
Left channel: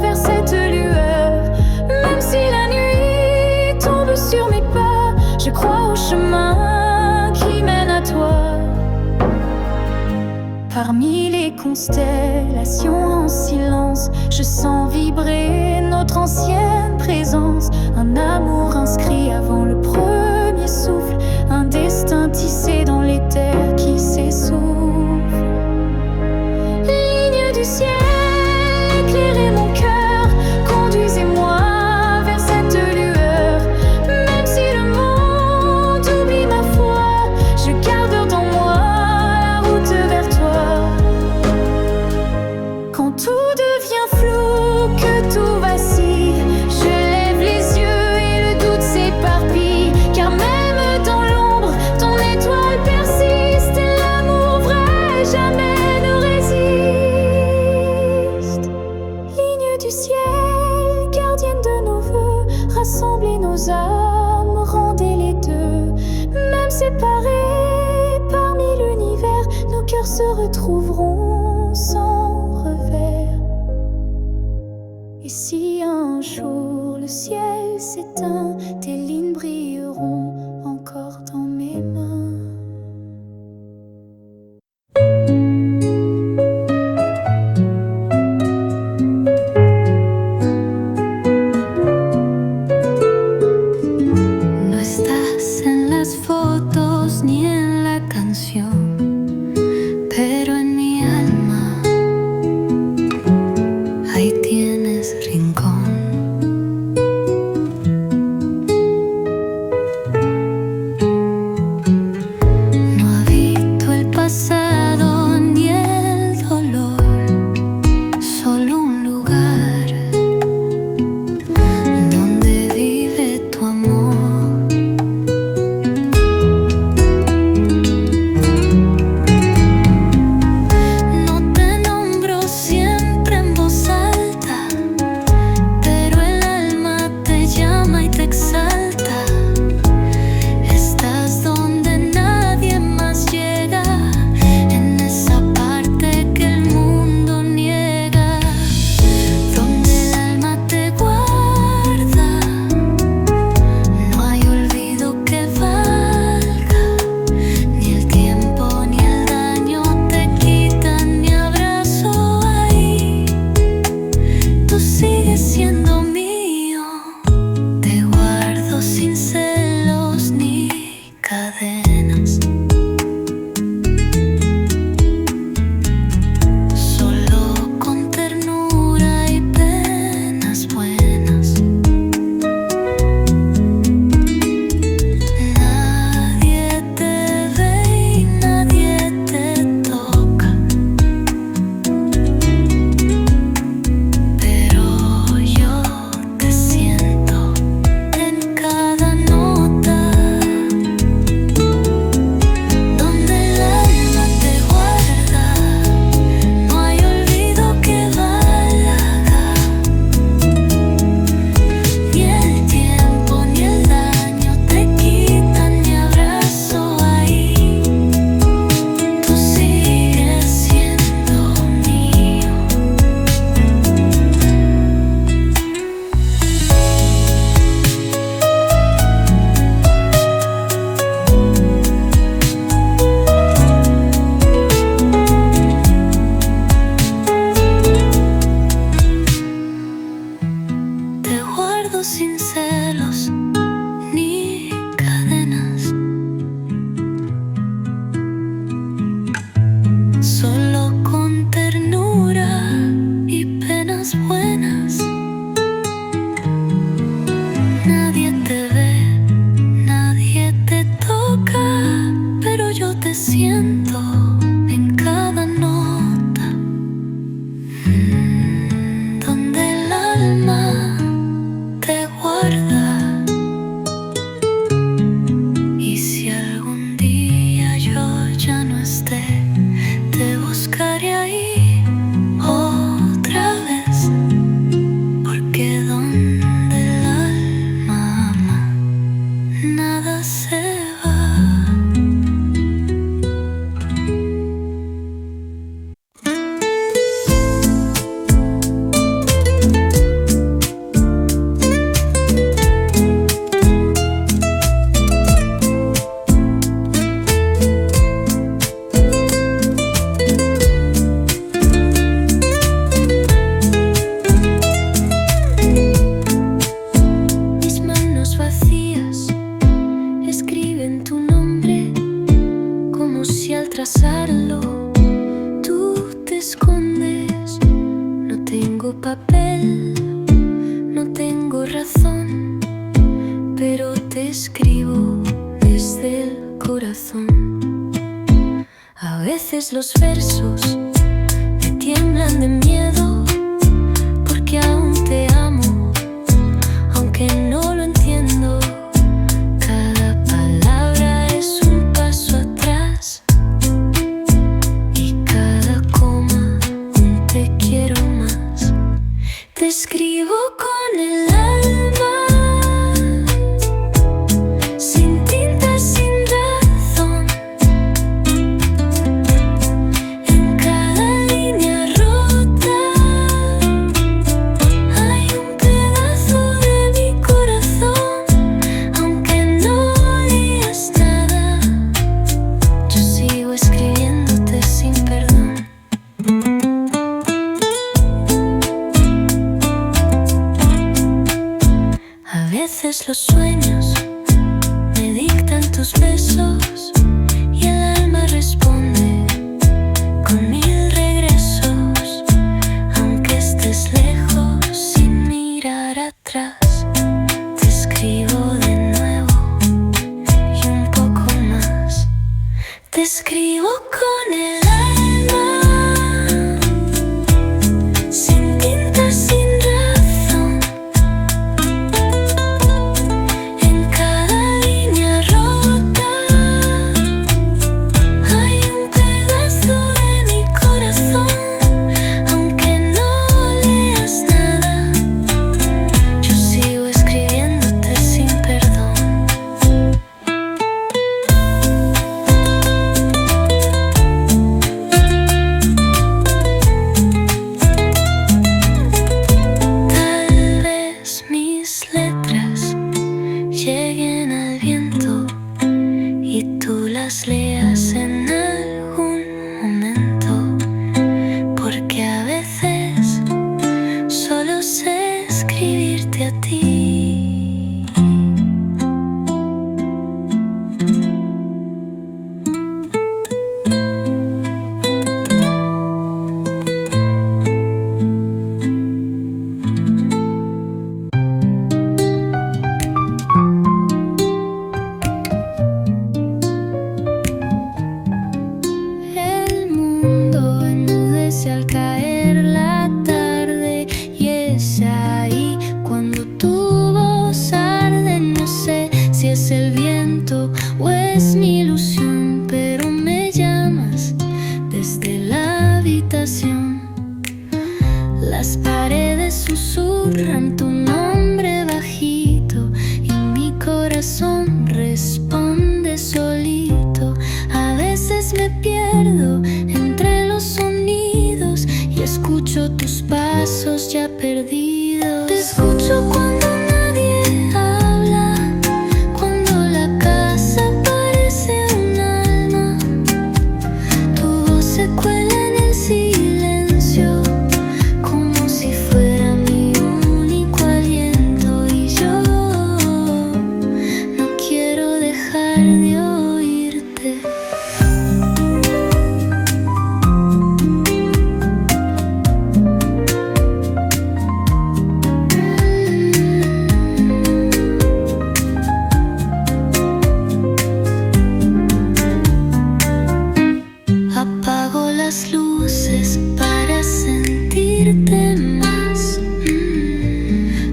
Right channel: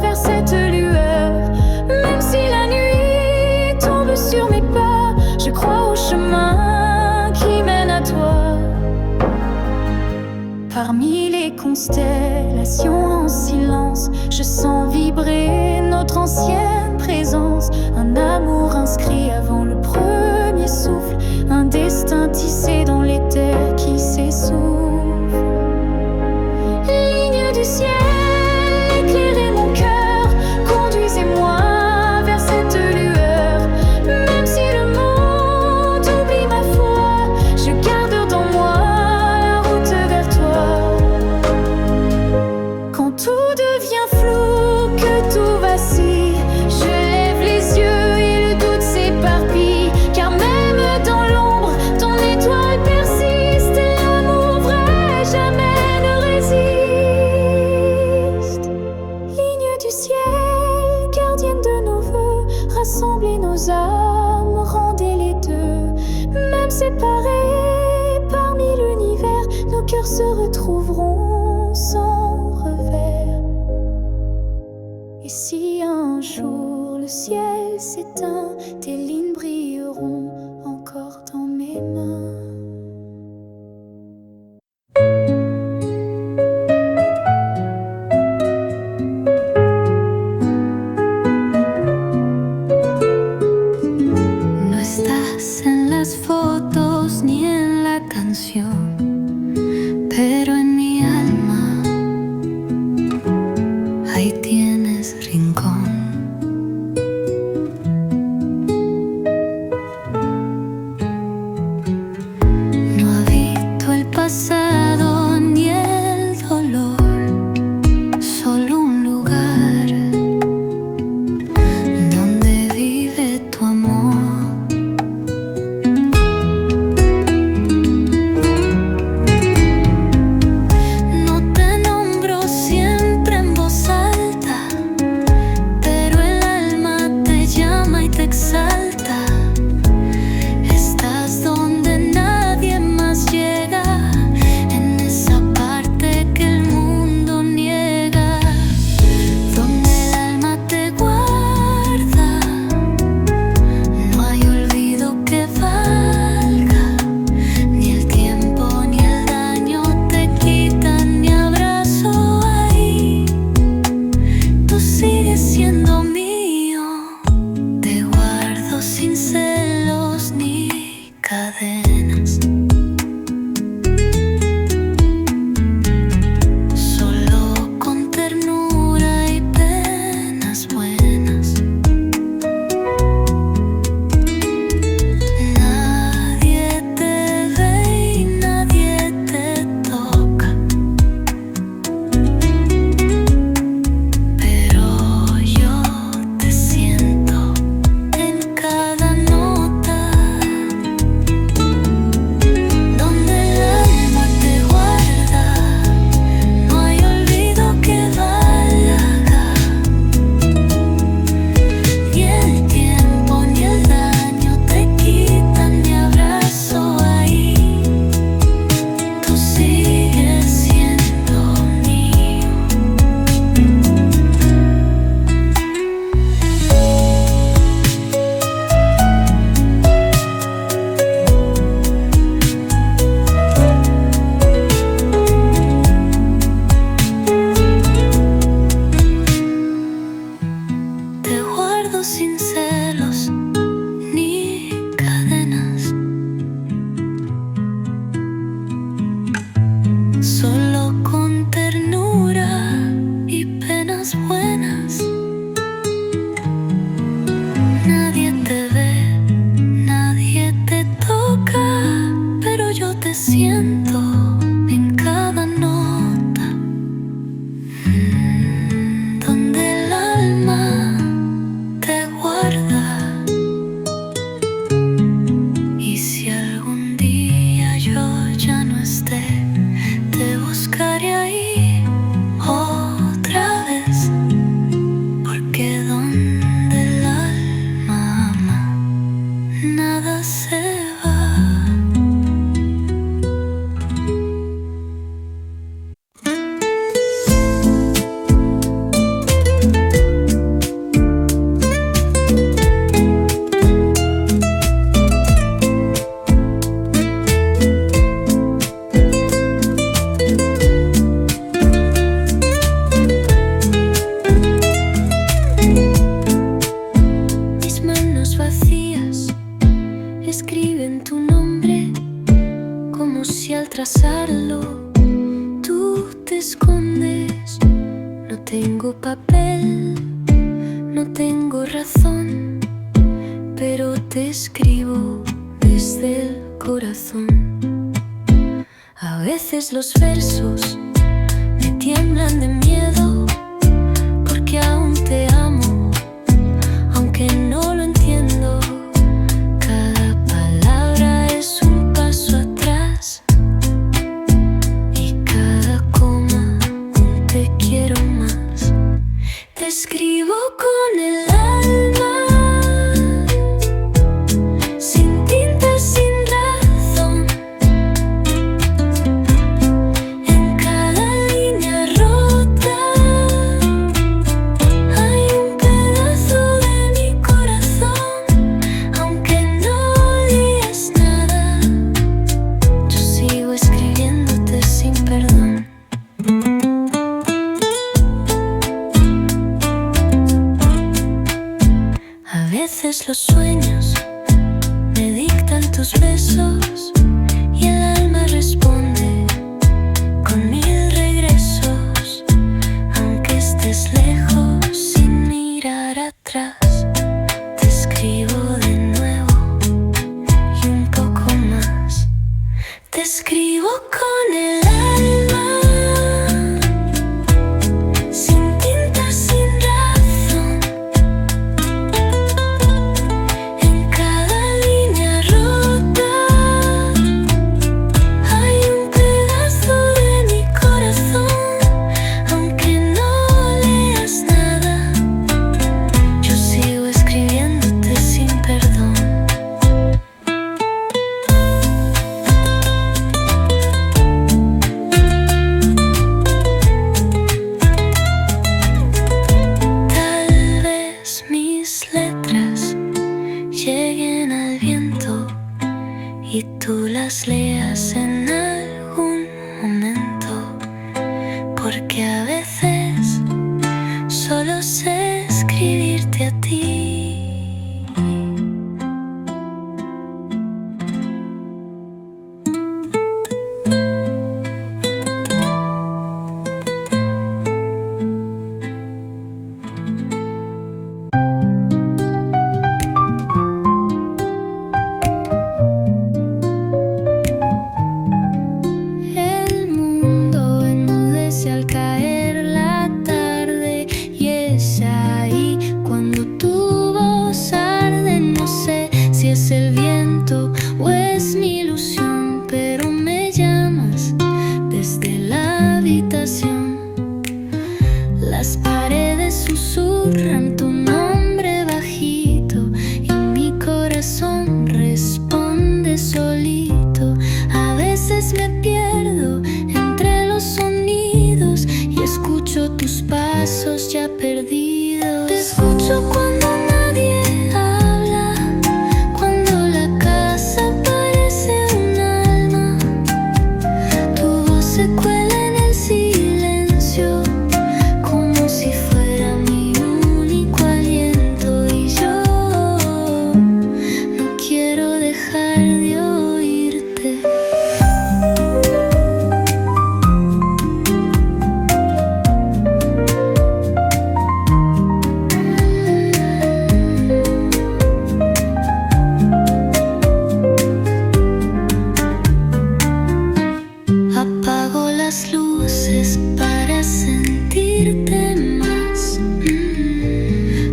vers cette lueur. Même si la nuit tombe sur mes pas, je crois au chemin qui mène à toi. Parmi les constellations en silence, je sens vibrer notre ancienne présence. Un amour inscrit avant le premier souffle, un destin tissé dans les terres qui s'essouffle. Ligne du ciel, éclairez mon cœur, conduisez-moi vers cette lueur. Même si le monde oublie ma foi, je garde dans moi la route vers toi. Quand tout devient flou, que tout vacille, je lève les yeux et le doute s'évanouit. cœurs se retrouveront sans revers. Et si un jour le ciel s'éteint, tes lignes brilleront encore dans mes mains. No estás en las fotos ni en la canción, pero en mi alma ahí tienes rincón. No habito el pasado ni el dolor, solo un lugar donde vive tu amor. Te exalta, estás donde nadie más llega, en esa parte que el mundo niega, donde el alma te guarda. No hay olvido que valga, ni el tiempo ni el daño te quitan mi abrazo ahí. Tú sigues siendo mío, sin celos ni cadenas. Solo con ternura y penas buenas. Nadie te ve y nadie te toca, pero yo te siento en cada nota, donde el alma te guarda. No hay olvido que valga, ni el tiempo ni el daño te quitan mi abrazo ahí. Tú sigues siendo mío. Te guardo sin celos ni cadenas, solo con ternura y penas buenas. Nadie te ve, nadie te toca, pero yo te siento en cada nota, donde el alma te guarda. Y si algún día yo ya no esté, te buscaré ahí otra vez, porque donde el alma ama, nada se va. Mis manos vacías escriben tu nombre, como si al trazarlo tú te escondes. No tengo papel, no tengo razón, pero te escribo desde el corazón. A veces los versos me tiemblan de miedo, porque aún te amo, aunque no lo entiendo. Cada palabra es un paso atrás, y cada coma un te quiero más. Te escribo con el alma, sin tinta, sin razón. responde con 1000 regresos, aunque estés lejos sin mirar atrás. Te escribo de nuevo y un poco más. Te escribo con el alma, sin tinta, sin razón. En cada línea rota hay un pedazo de mi corazón. Aunque no leas nada, yo sigo escribiéndote sin perdón. Lleguen al viento y tú las leas en algún momento, porque a veces solo sé escribirte a ti. Al caer la tarde, y es ahí cuando tu voz arde. No sé si es el viento o es mi ilusión, pero me llamas desde la habitación. Las paredes susurran tu nombre bajito y mi corazón responde solito. A veces me pierdo entre los sonidos y escucho tus pasos ya perdidos. Te escucho cuando nadie habla, cuando la casa parece un alma. Tu voz se cuela en el silencio, como si fuera mi único aliento. Y yo no quiero dejar de oírte. Apago las luces para sentirte más,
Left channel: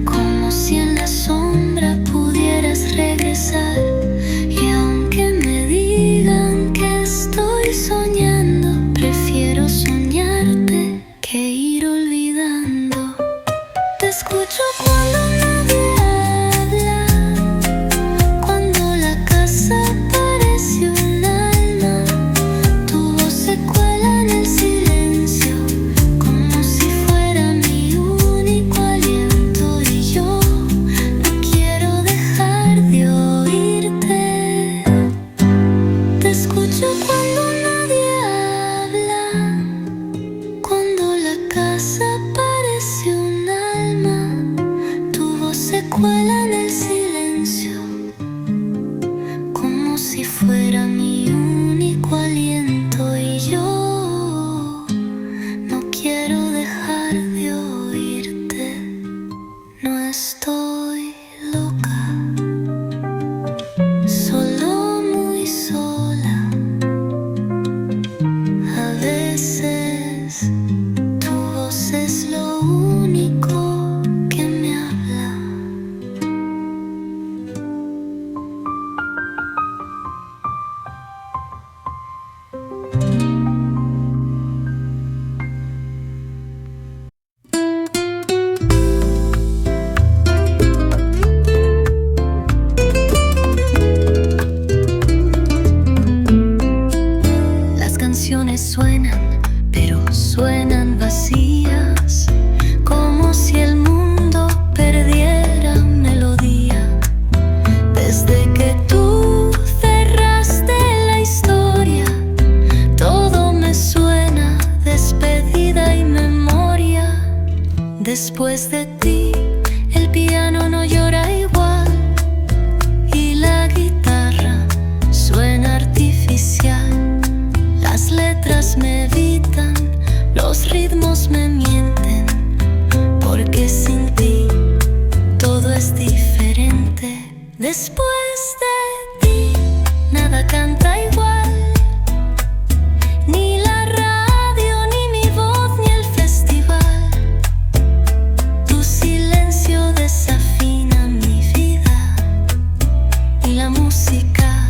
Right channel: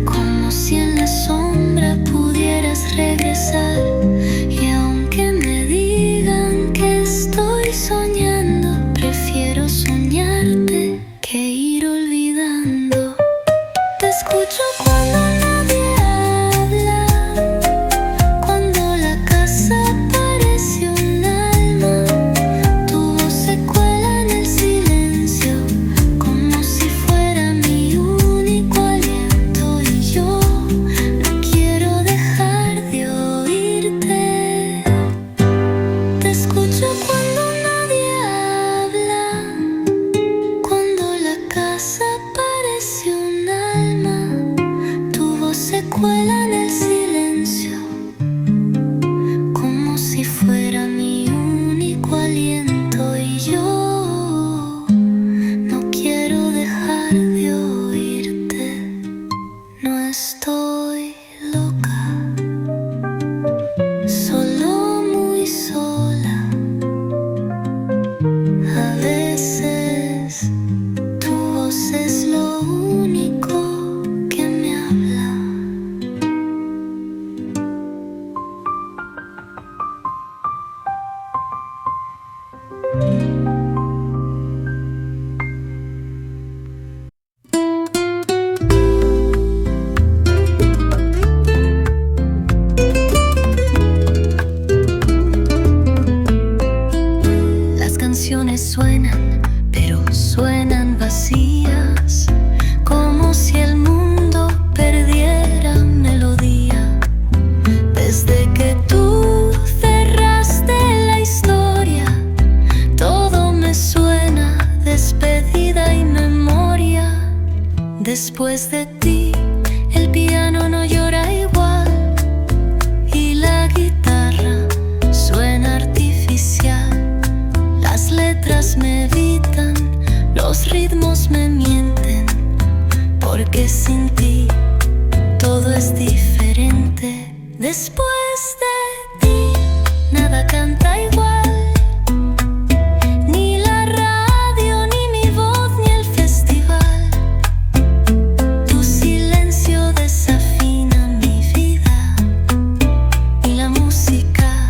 como si en la sombra pudieras regresar. Y aunque me digan que estoy soñando, prefiero soñarte que ir olvidando. Te escucho cuando nadie habla, cuando la casa parece un alma. Tu voz se cuela en el silencio, como si fuera mi único aliento. Y yo no quiero dejar de oírte. Te escucho cuando nadie habla, cuando la casa parece un alma. Tu voz se cuela en el silencio, como si fuera mi único aliento. Y yo no quiero dejar de oírte. No estoy loca, solo muy sola. A veces tu voz es lo único que me habla. Las canciones suenan, pero suenan vacías, como si el mundo perdiera melodía. Desde que tú cerraste la historia, todo me suena despedida y memoria. Después de ti, el piano no llora igual y la guitarra suena artificial. me evitan, los ritmos me mienten, porque sin ti todo es diferente. Después de ti nada canta igual, ni la radio, ni mi voz, ni el festival. Tu silencio desafina mi vida y la música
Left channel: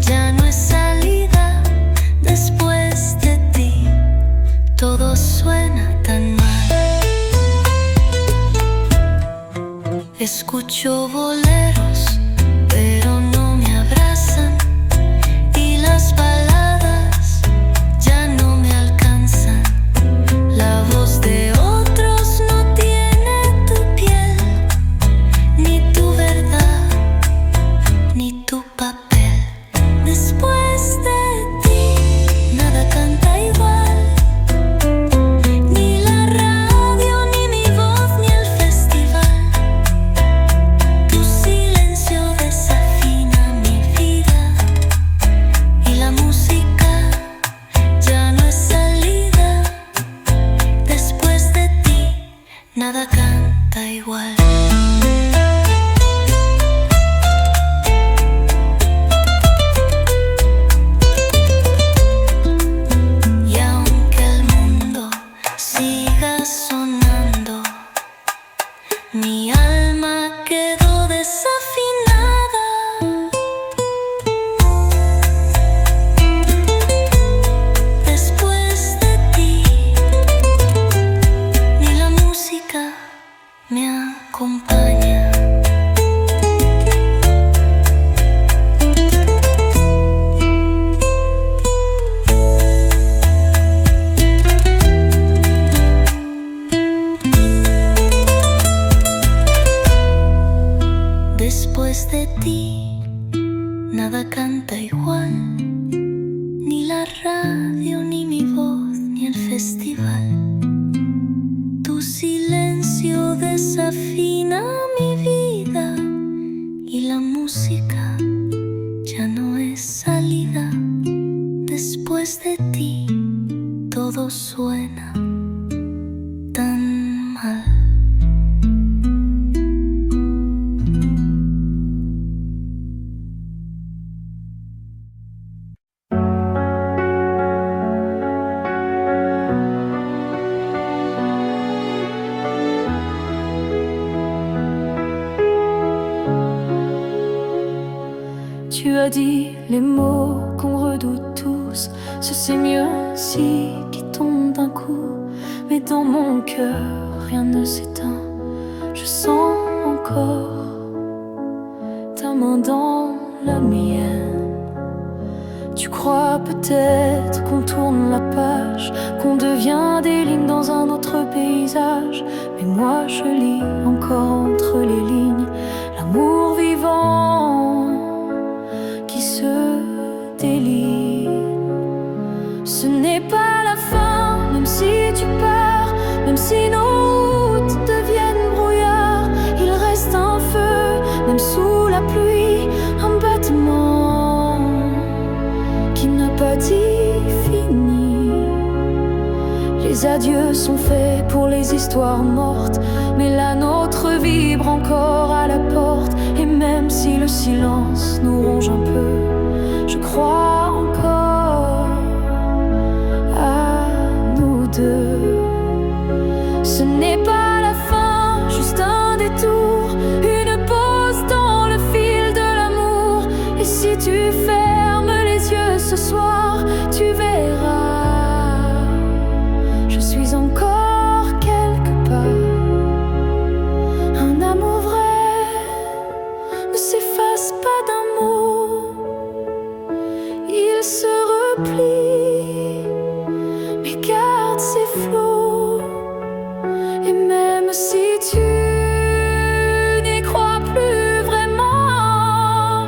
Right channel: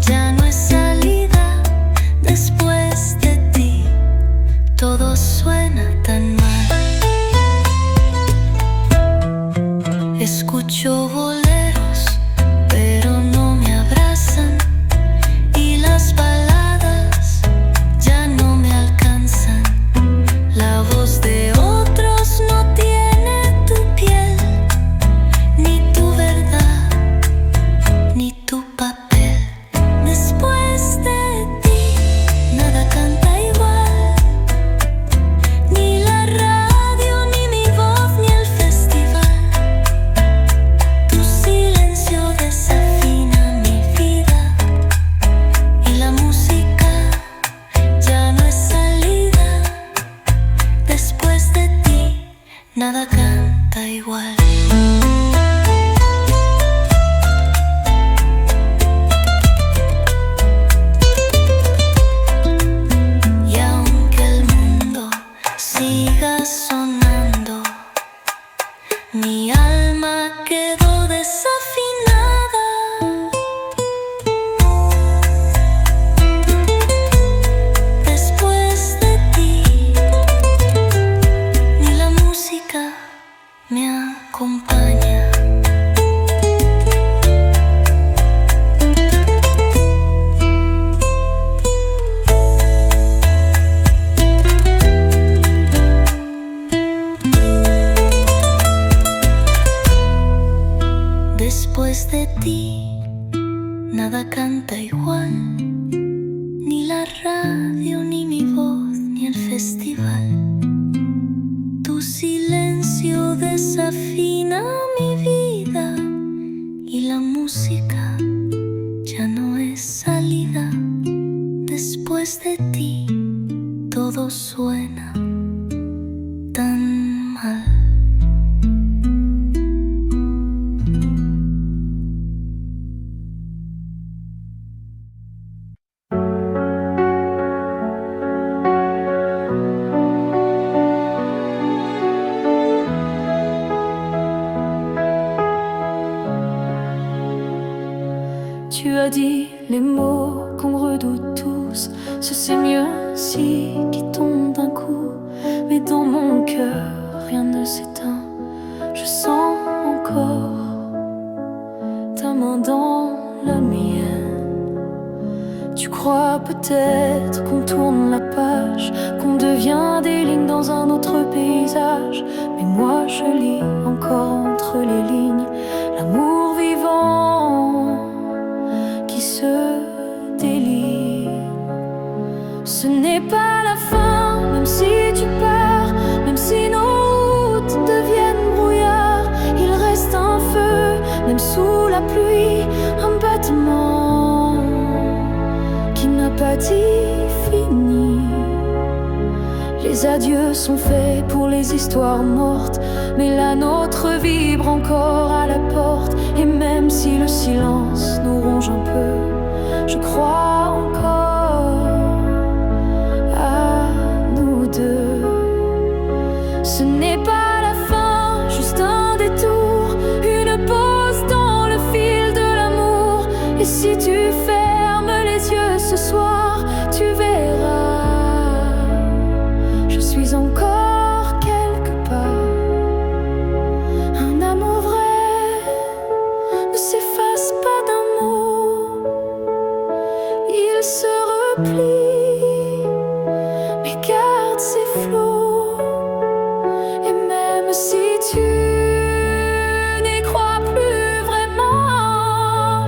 ya no es salida. Después de ti todo suena tan mal. Escucho boleros, pero no me abrazan, y las baladas ya no me alcanzan. La voz de otros no tiene tu piel, ni tu verdad, ni tu papel. Después de ti nada canta igual, ni la radio, ni mi voz, ni el festival. Tu silencio desafina mi vida y la música ya no es salida. Después de ti nada canta igual. Y aunque el mundo siga sonando, mi alma quedó desafinada. Después de ti ni la música me acompaña. Después de ti nada canta igual, ni la radio, ni mi voz, ni el festival. Tu silencio desafina mi vida y la música ya no es salida. Después de ti todo suena tan mal. Tu as dit les mots qu'on redoute tous, ce c'est mieux si qui tombe d'un coup. Mais dans mon cœur rien ne s'éteint, je sens encore ta main dans la mienne. Tu crois peut-être qu'on tourne la page, qu'on devient des lignes dans un autre paysage. Mais moi je lis encore entre les lignes l'amour vivant qui se délie. Ce n'est pas la fin, même si tu pars, même si nos routes deviennent brouillard. Il reste un feu, même sous la pluie, un battement qui n'a pas dit fini. Les adieux sont faits pour les histoires mortes, mais la nôtre vibre encore à la porte. Et même si le silence nous ronge un peu, je crois encore à nous deux. Ce n'est pas la fin, juste un détour, une pause dans le fil de l'amour. Et si tu fermes les yeux ce soir, tu verras, je suis encore quelque part. Un amour vrai ne s'efface pas d'un mot, il se replie, mais garde ses flots. Et même si tu n'y crois plus vraiment,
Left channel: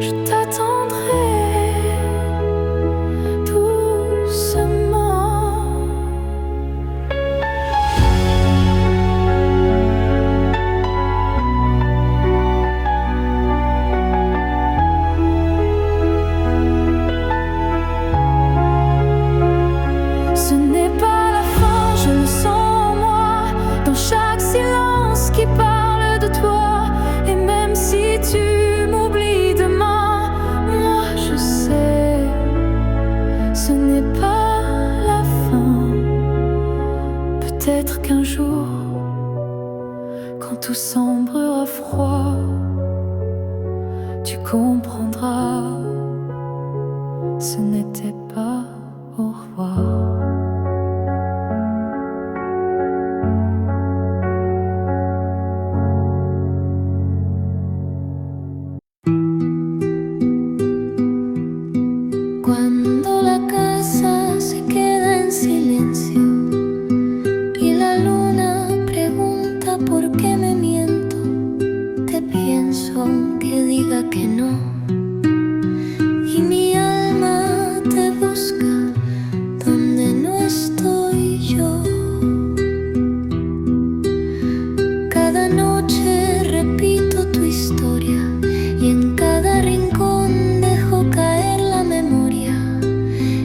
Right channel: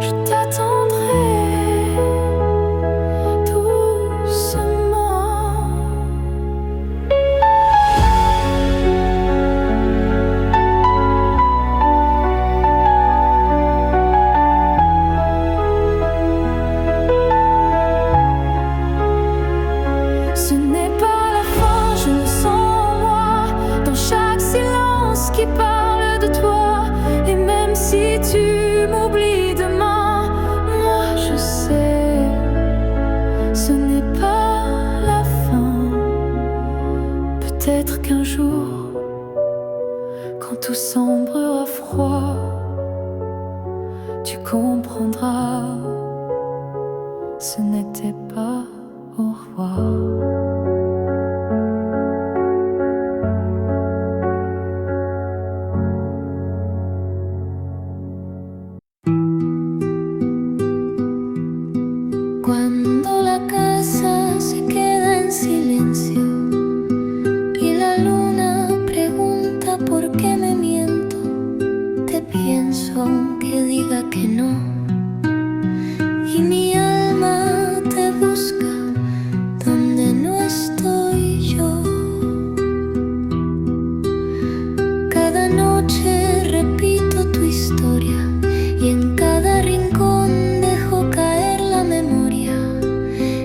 je t'attendrai doucement. qui parle de toi. Et même si tu m'oublies demain, moi je sais, ce n'est pas la fin. Peut-être qu'un jour, quand tout semblera froid, tu comprendras, ce n'était pas au revoir. Cuando la casa se queda en silencio y la luna pregunta por qué me miento, te pienso aunque diga que no, y mi alma te busca donde no estoy yo. Cada noche repito tu historia y en cada rincón dejo caer la memoria.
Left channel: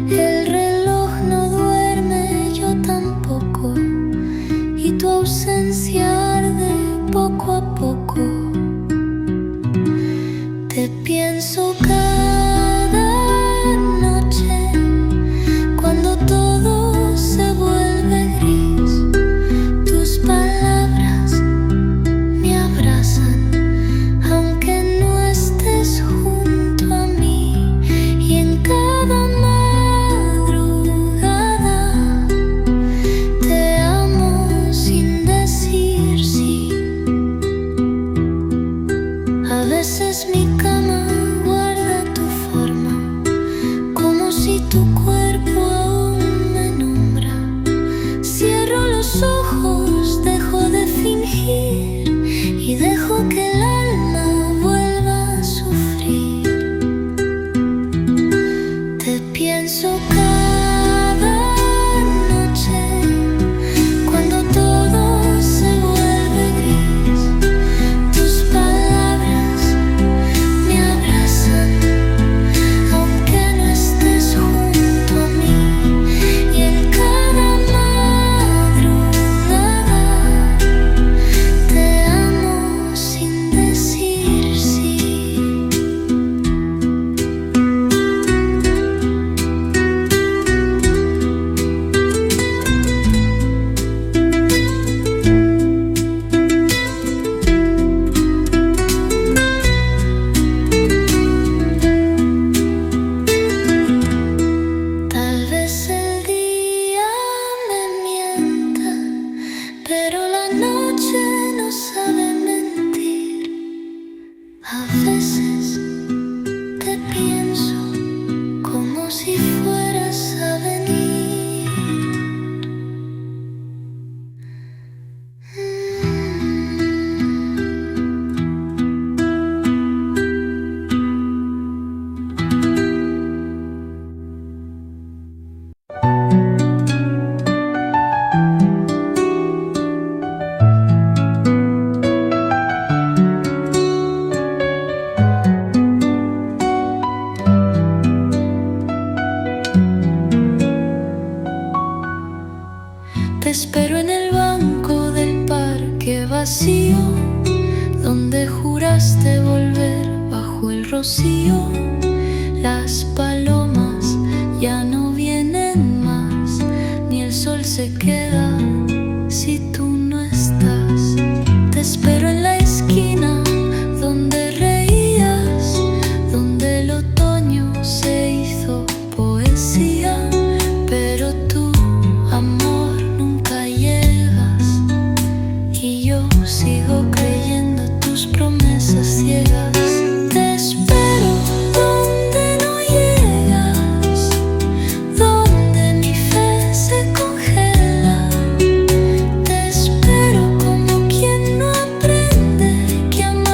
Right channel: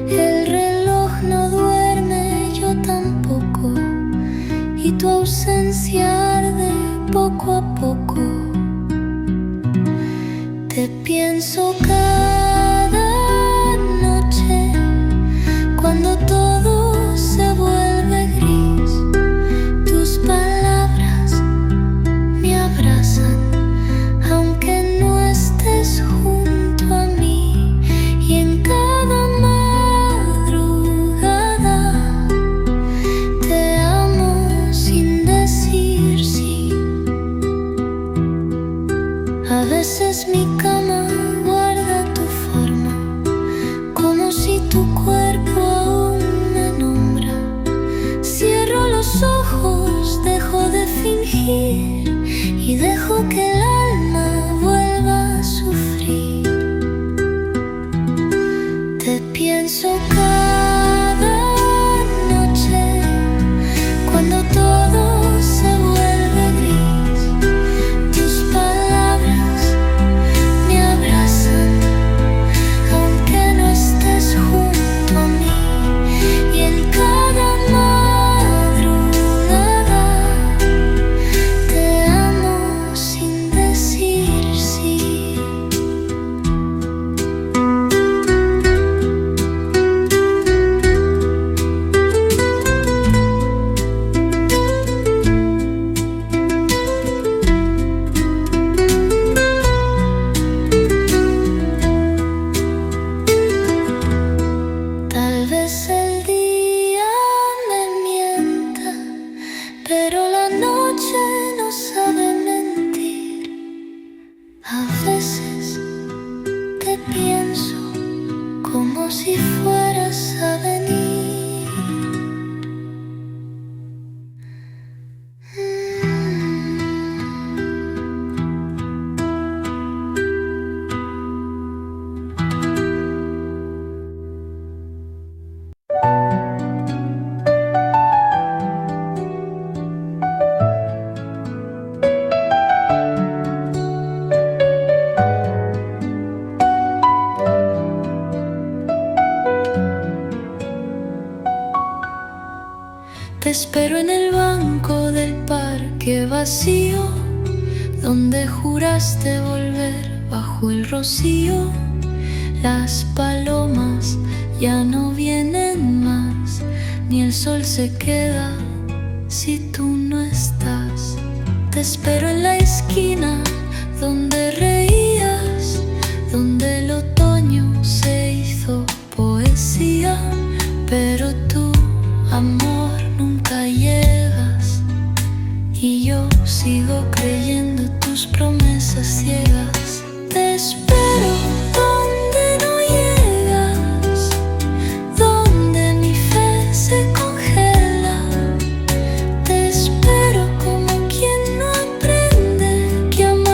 El reloj no duerme, yo tampoco, y tu ausencia arde poco a poco. Te pienso cada noche cuando todo se vuelve gris. Tus palabras me abrazan aunque no estés junto a mí, y en cada madrugada te amo sin decir sí. A veces mi cama guarda tu forma, como si tu cuerpo aún me nombra. Cierro los ojos, dejo de fingir y dejo que el alma vuelva a sufrir. Te pienso cada noche cuando todo se vuelve gris. Tus palabras me abrazan aunque no estés junto a mí, y en cada madrugada te amo sin decir sí. Tal vez el día me mienta, pero la noche no sabe mentir. A veces te pienso como si fueras a venir. Te espero en el banco del parque vacío, donde juraste volver bajo el rocío. Las palomas ya no vienen más, ni el sol se queda si tú no estás. Te espero en la esquina donde reías, donde el otoño se hizo poesía, pero tú, amor, nunca llegas, y yo sigo creyendo tus promesas ciegas. Te espero donde no llegas, donde mi fe se congela. Te espero como quien no aprende que amar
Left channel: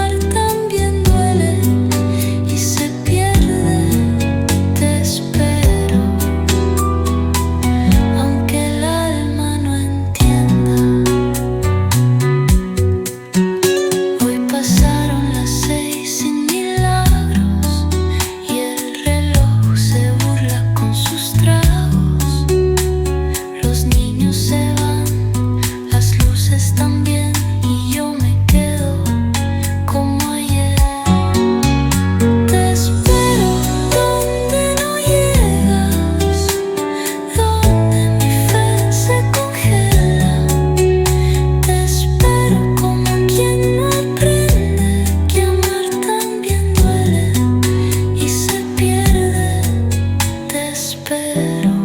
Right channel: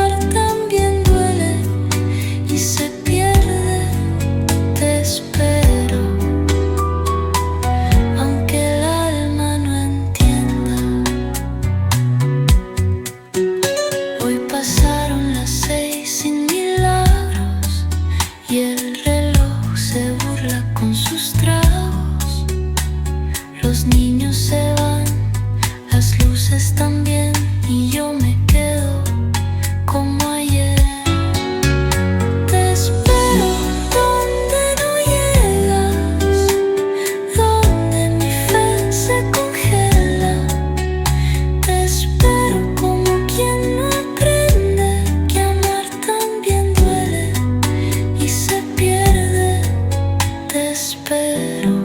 espero,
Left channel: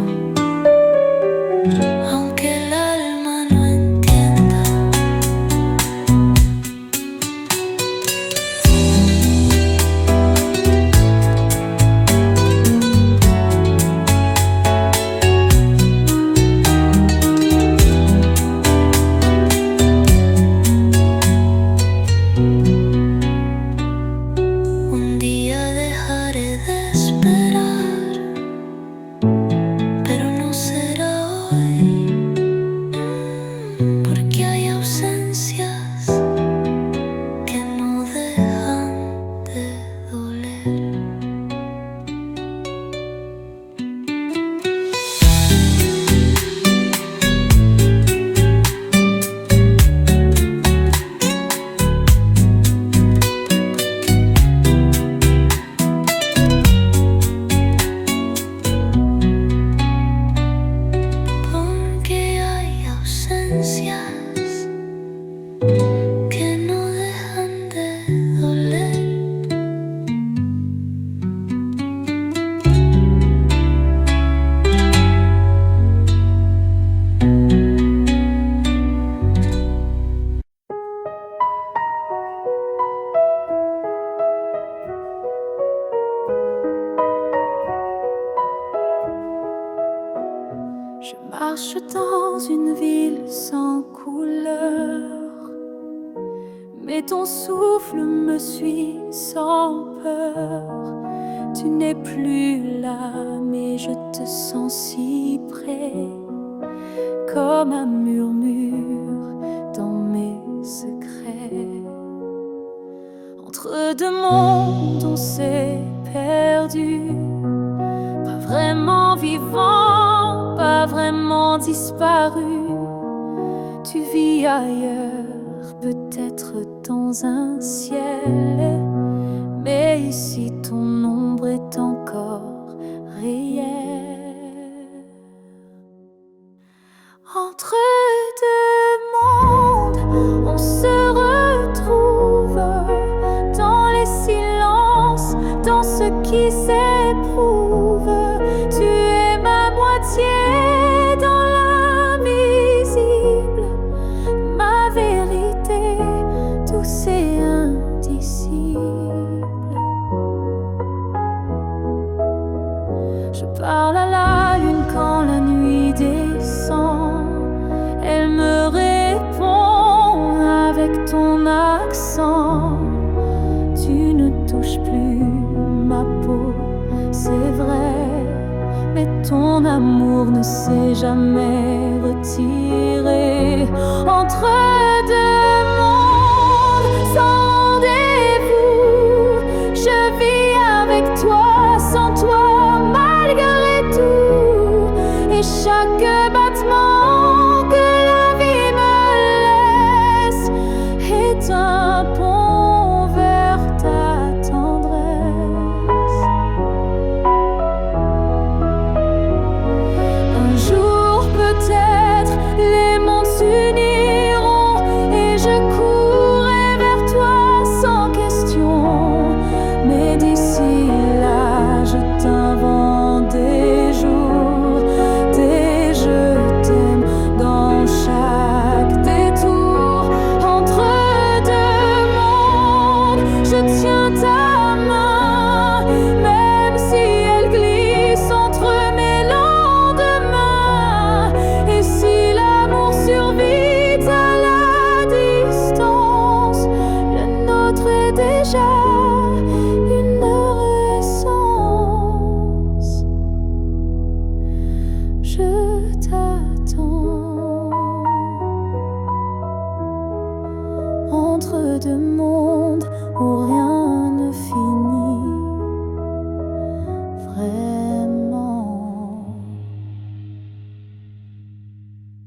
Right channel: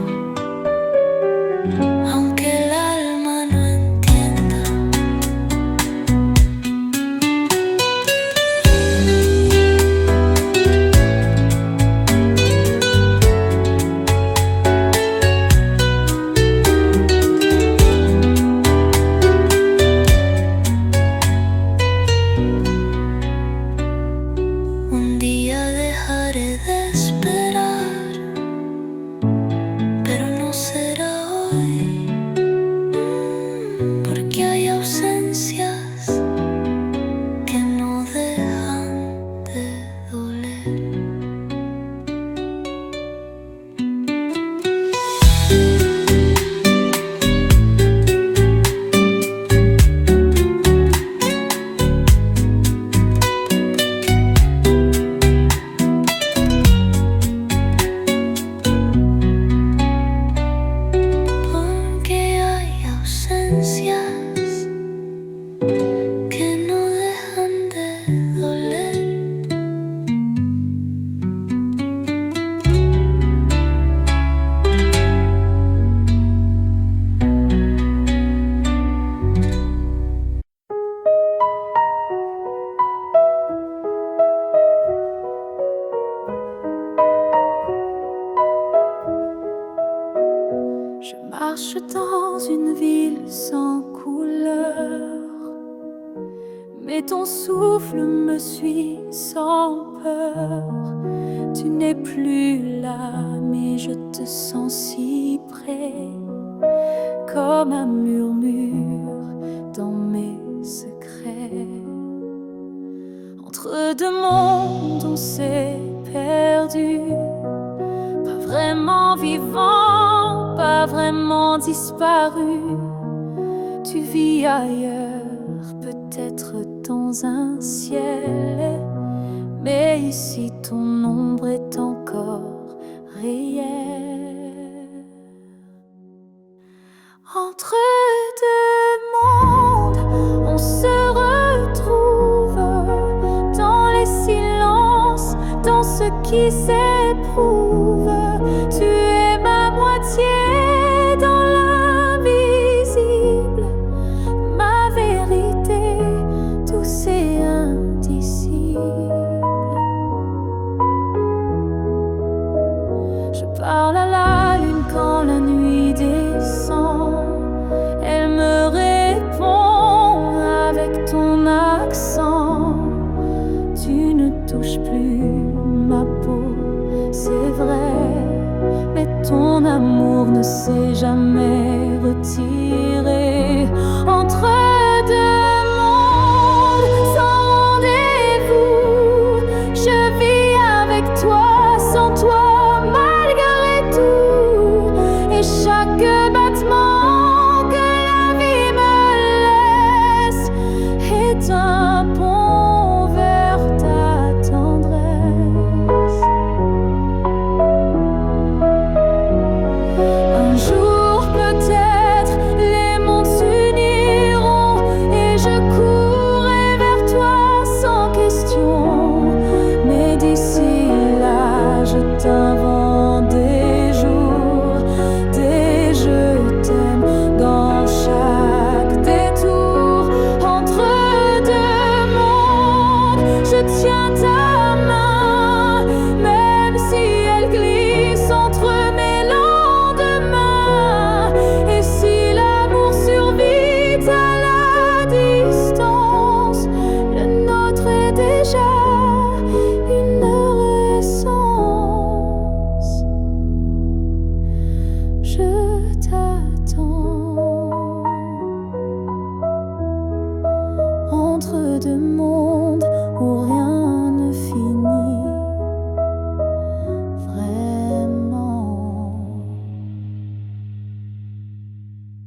aunque el alma no entienda. Un día dejaré de esperar, pero no será hoy, porque hay ausencias que no dejan de doler. Que no dejan de doler. Je marche dans une ville sans couleur, mais ton souffle me suit sans peur. Tu n'es plus là, mais je te sens si près, comme un murmure dans mes secrets. Entre deux mondes on s'est perdu, pas vraiment vivant, pas vraiment disparu. Tu vis ailleurs, peut-être dans un ciel, mais ici ton ombre est encore réelle. Entre deux mondes, on se retrouve dans les silences, dans ce qui s'éprouve. Tu es ma moitié dans l'invisible, ma vérité douce et indicible. Je parle à la lune quand la nuit descend, elle me répond avec ton accent. Tu ne touches plus ma peau, c'est vrai, mais ton amour ne s'est jamais retiré. Entre deux mondes sans rendez-vous, je vis avec toi, sans toi, malgré tout. Et chaque battement que la vie me laisse est un pont vers ta tendresse. Un jour peut-être les mondes s'uniront et je courrai vers toi sans question. Mais d'ici là je t'invente des jours, des je t'aime dans chaque détour. Entre deux mondes, je tiens ta main, même si elle glisse entre mes lendemains. Et si l'amour survit à la distance, le nôtre est déjà une essence. Je t'attends entre deux mondes.